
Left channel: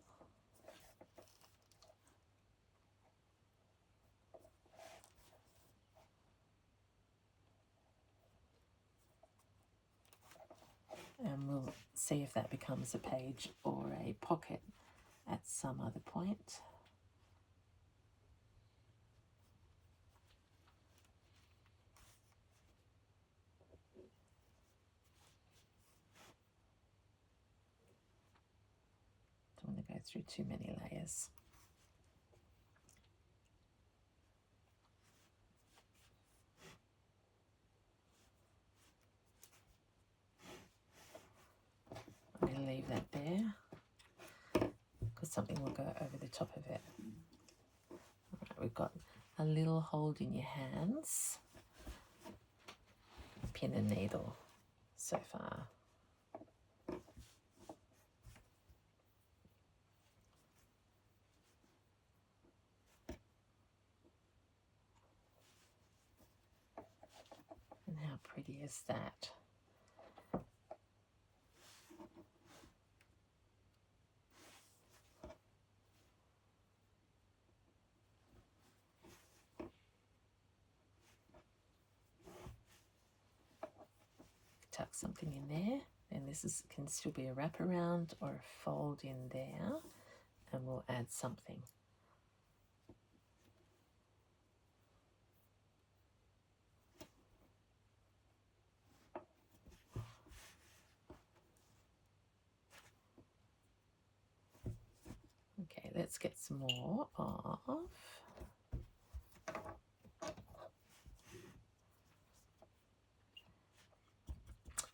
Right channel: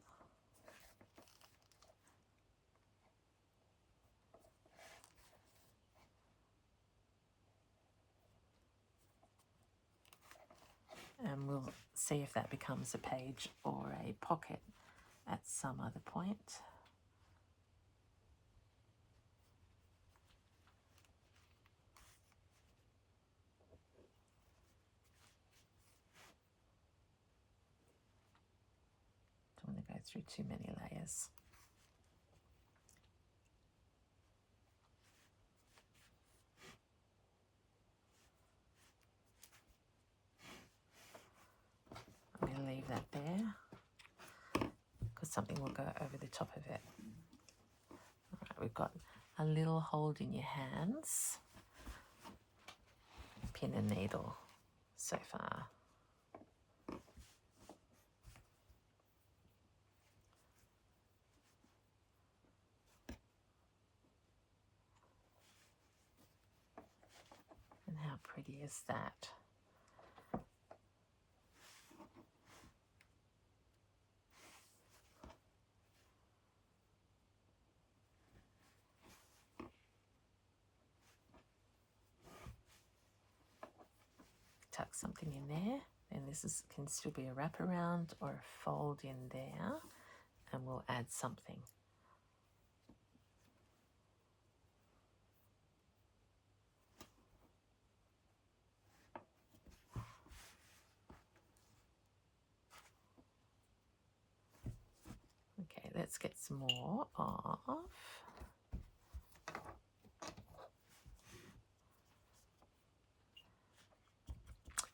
And we'll see if that becomes a page or a pocket at some other point. Don't want to go through too many layers. I'm going to leave that there because something will go over the top of it. All right, we've got a little hold in your hands, pin and needle so far. And how pretty is that? Tuck something in there, and this can still be a wraparound or a fold in there, and we'll add something. Okay, let's get some more off.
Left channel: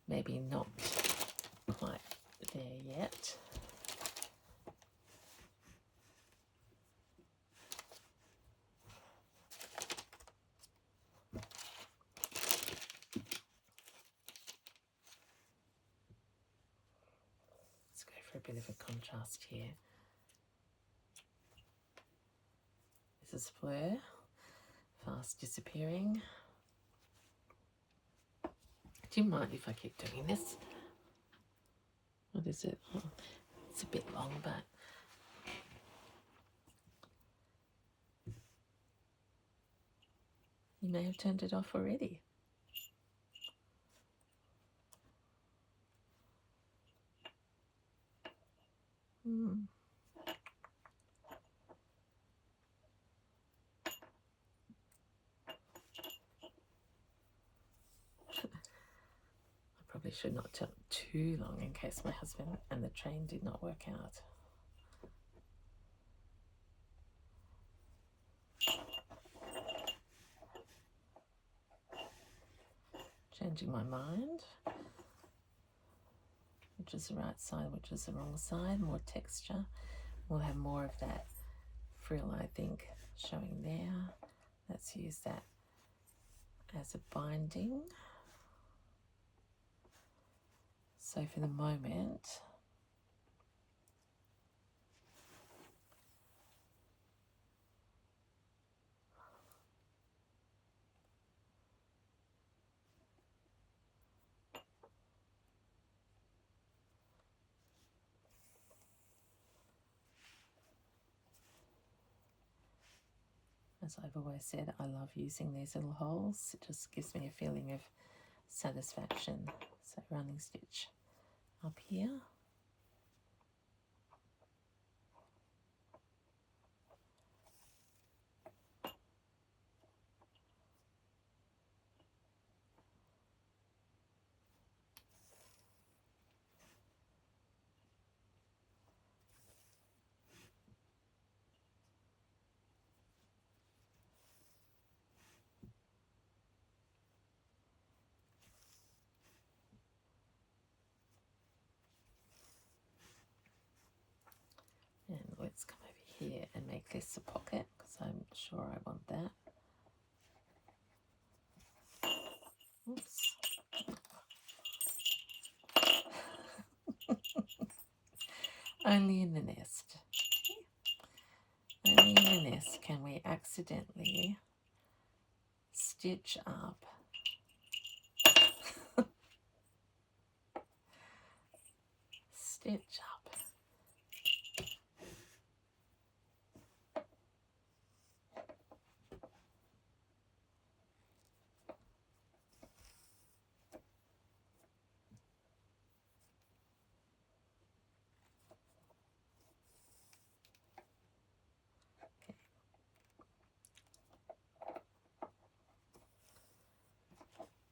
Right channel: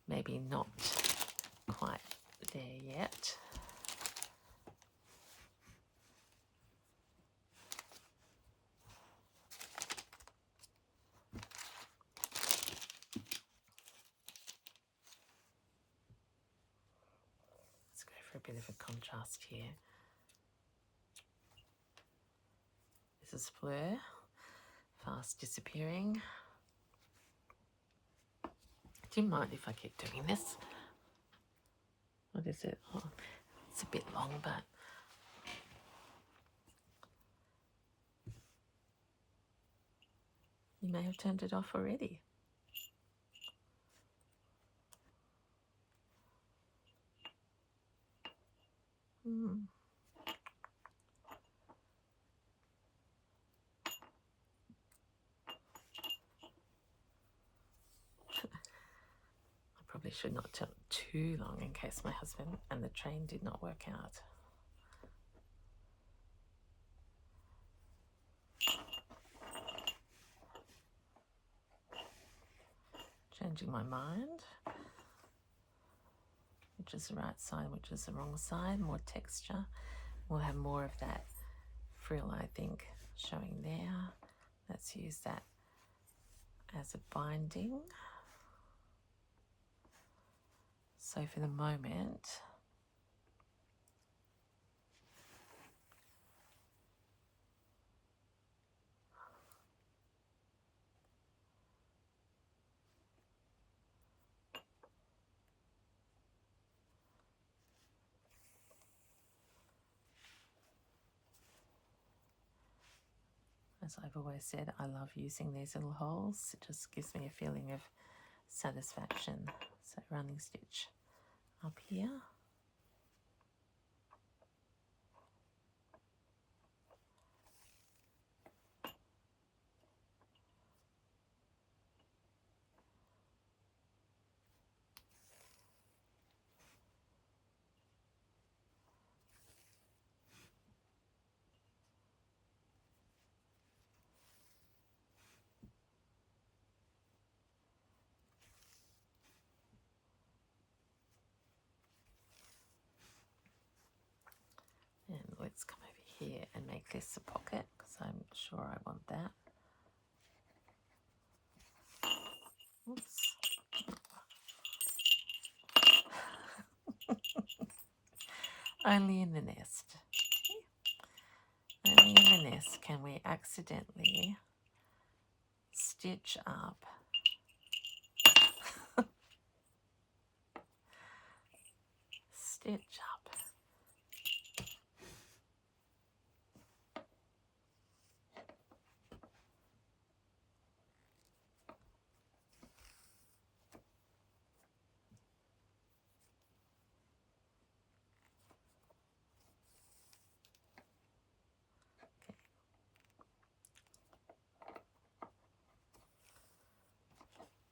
Maybe not quite there yet. Let's go for a bit of a contrast here. This is Fleur, fast disappearing. Do you mind if I keep doing this? What is it? Oh, it's a bit long, but you may have turned it off already. Probably should not tell too long in case my husband and the train did not work out. Changing my mind. Which is the right side, which is the wrong side. More texture. We'll have more of that frill, I think, showing there. Let's use that as a binding. So for the moment, as I've always said, I love using these little holes. It just gives me a feeling of satisfaction. So running stitch up here. here and make this a pocket because I'm sure I want that. Oops. Only in the nest. Only in the nest can we accidentally stitch up stitch up.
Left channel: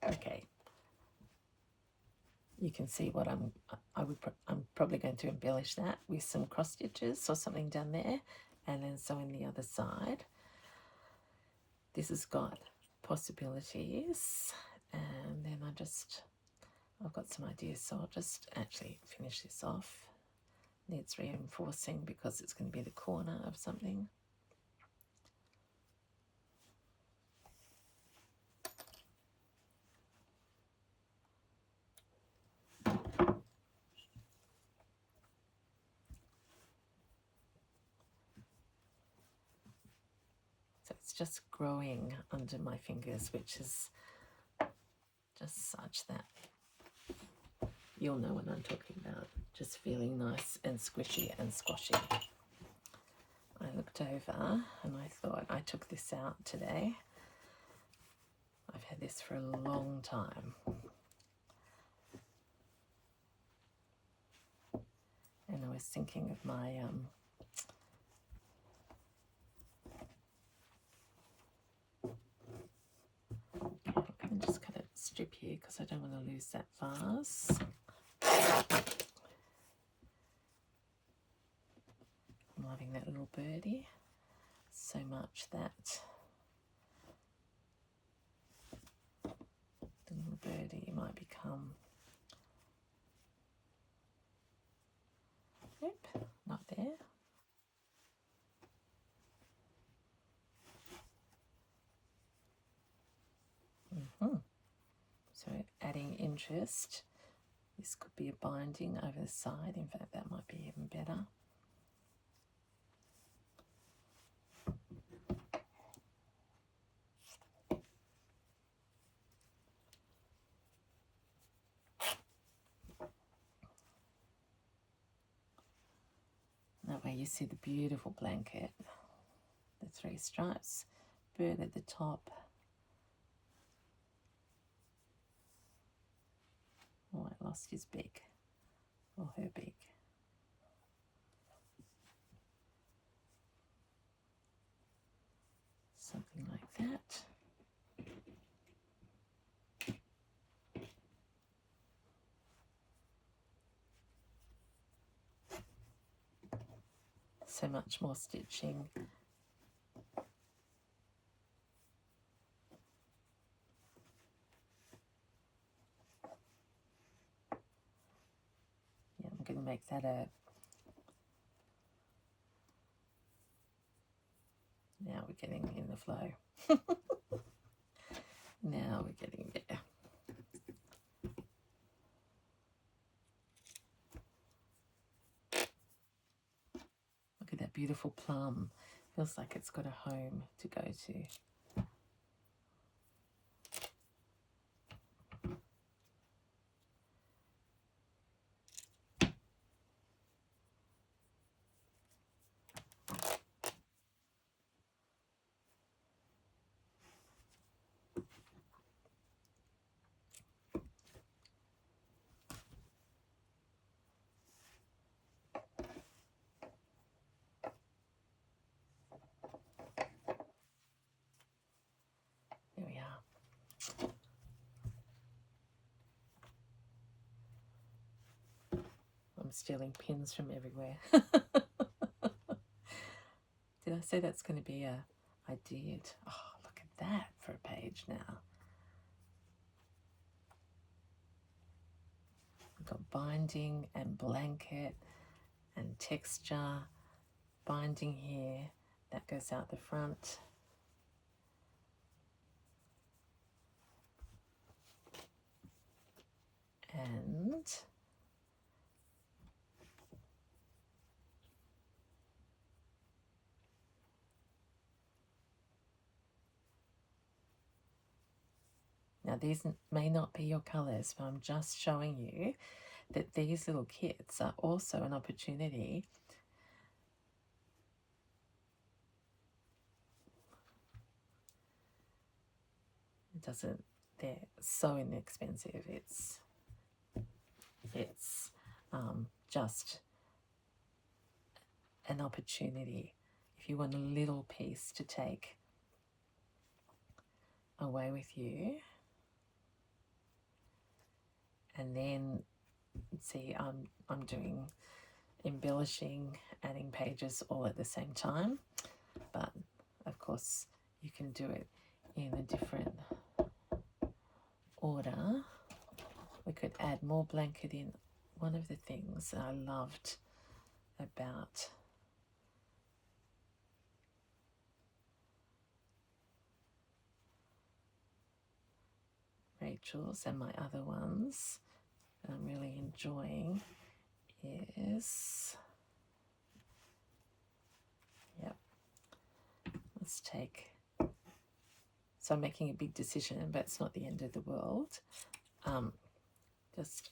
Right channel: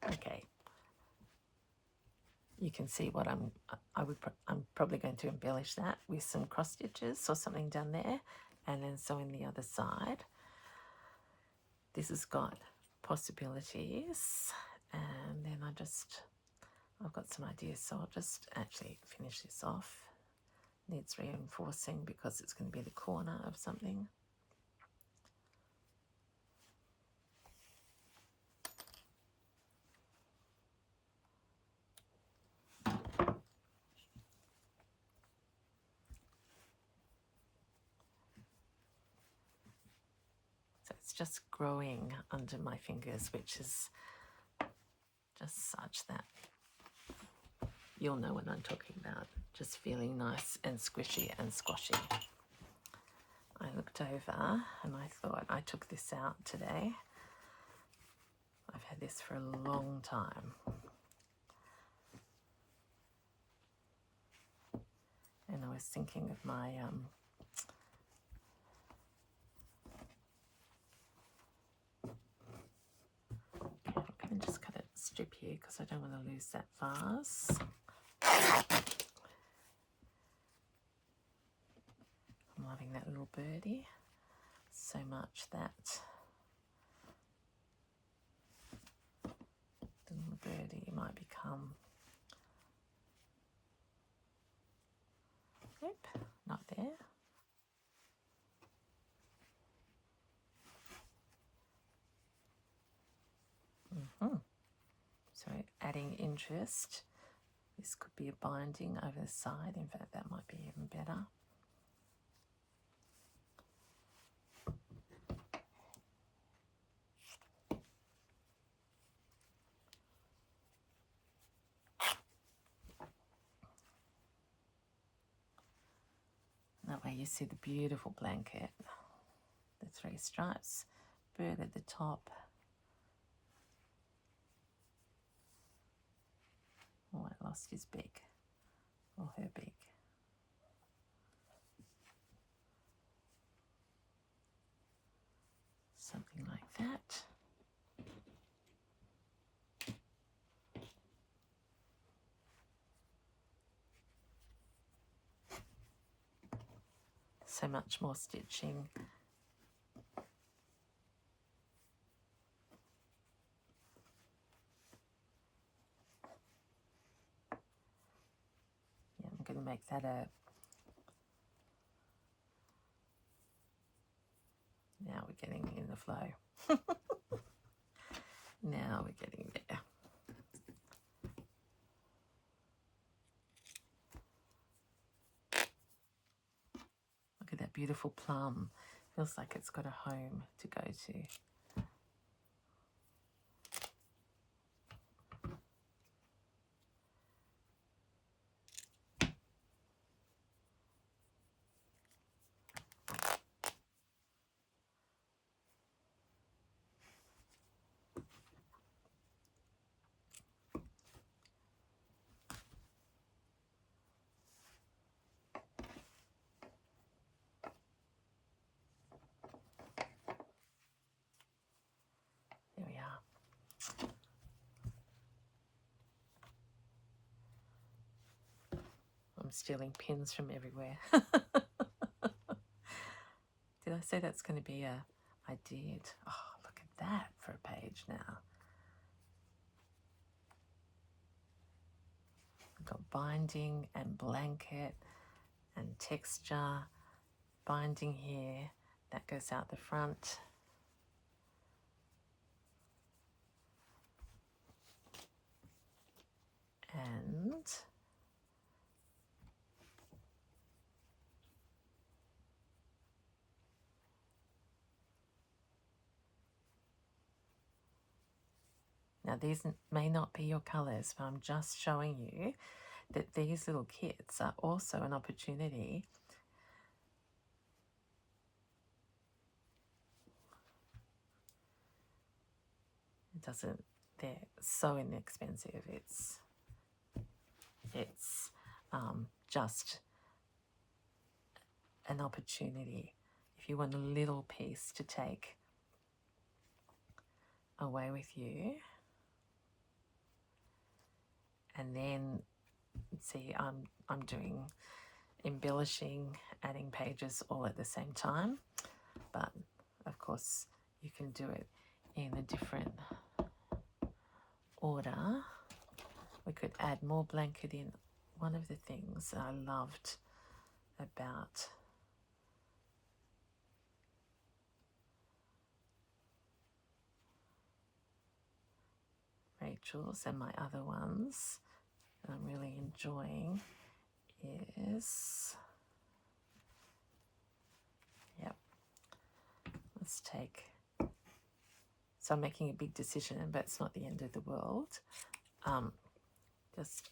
Okay. You can see what I'm probably going to embellish that with some cross stitches or something down there, and then sewing the other side. This has got possibilities, and then I've got some ideas, so I'll just actually finish this off. Needs reinforcing because it's going to be the corner of something. So it's just growing under my fingers, which is just such that you'll know what I'm talking about. Just feeling nice and squishy and squashy. I looked over and I thought, I took this out today. I've had this for a long time. And I was thinking of my I'm going to just cut a strip here because I don't want to lose that vase. I'm loving that little birdie so much that the little birdie might become, nope, not there. So adding interest. This could be a binding over the side. In fact, that might be even better. That way you see the beautiful blanket, the 3 stripes, bird at the top. Oh, I lost his beak, or her beak. Something like that. So much more stitching. Yeah, I'm going to make that a... Now we're getting in the flow. Now we're getting there. Look at that beautiful plum. Feels like it's got a home to go to. There we are. I'm stealing pins from everywhere. Did I say that's going to be a... I did. Oh, look at that for a page now. I've got binding and blanket and texture binding here that goes out the front. And now these may not be your colours, but I'm just showing you that these little kits are also an opportunity they're so inexpensive. It's just an opportunity if you want a little piece to take away with you. And then see, I'm doing embellishing, adding pages all at the same time, but of course you can do it in a different order. We could add more blanket in. One of the things that I loved about Rachel's and my other ones that I'm really enjoying is, yep, let's take, so I'm making a big decision, but it's not the end of the world. Just,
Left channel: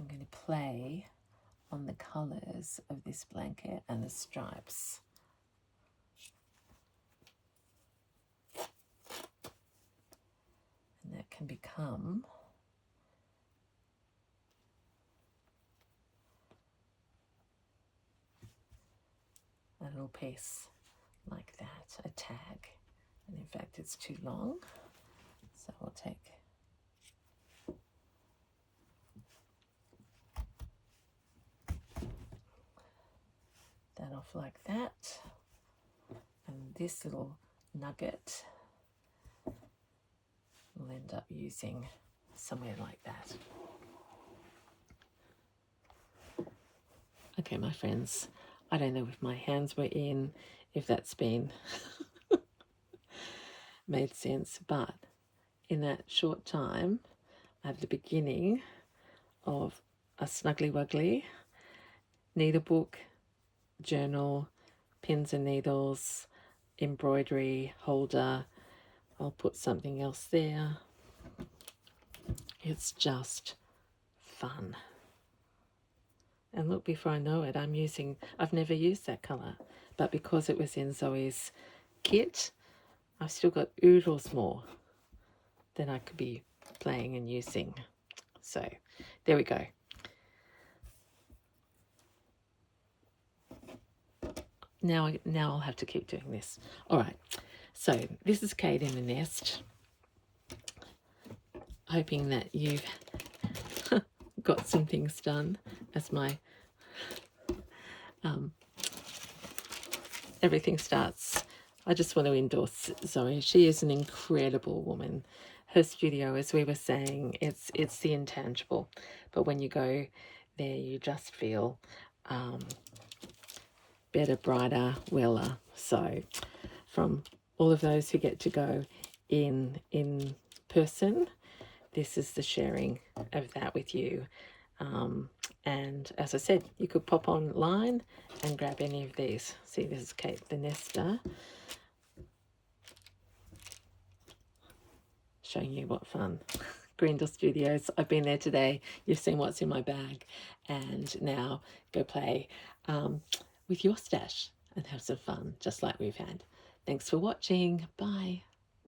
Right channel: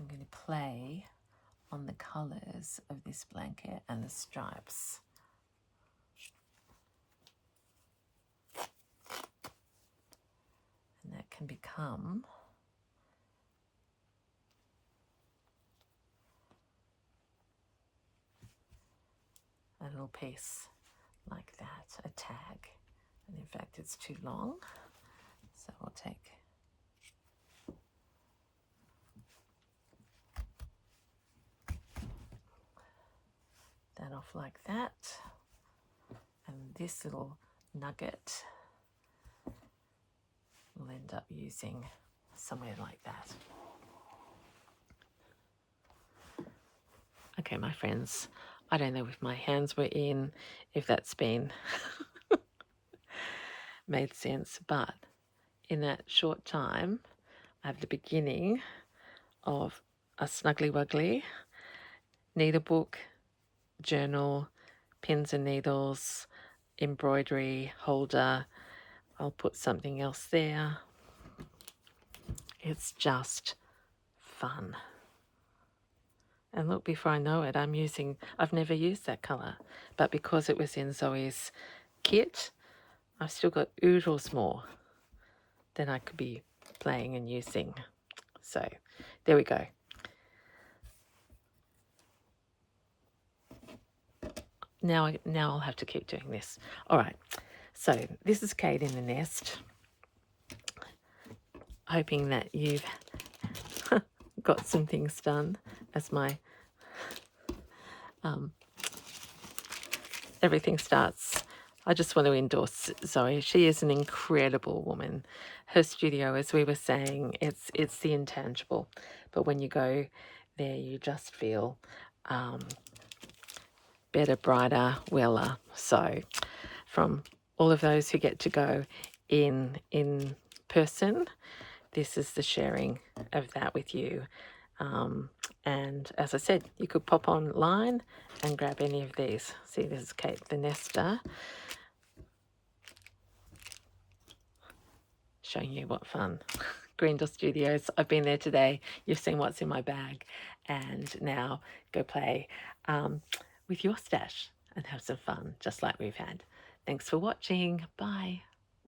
I'm going to play on the colours of this blanket and the stripes. And that can become a little piece like that, a tag. And in fact, it's too long, so we'll take that off like that. And this little nugget we'll end up using somewhere like that. Okay, my friends, I don't know if my hands were in, if that's been made sense, but in that short time, I have the beginning of a snuggly wuggly needlebook, journal, pins and needles, embroidery holder. I'll put something else there. It's just fun. And look, before I know it, I've never used that colour, but because it was in Zoe's kit, I've still got oodles more than I could be playing and using. So there we go. Now I'll have to keep doing this. All right, so this is Kate in the Nest, hoping that you've got some things done as my everything starts. I just want to endorse Zoe. She is an incredible woman. Her studio, as we were saying, it's the intangible, but when you go there, you just feel better, brighter, weller. So from all of those who get to go in person, this is the sharing of that with you. And as I said, you could pop online and grab any of these. See, this is Kate the Nester, showing you what fun. Green Door Studios, I've been there today. You've seen what's in my bag. And now go play with your stash and have some fun, just like we've had. Thanks for watching. Bye.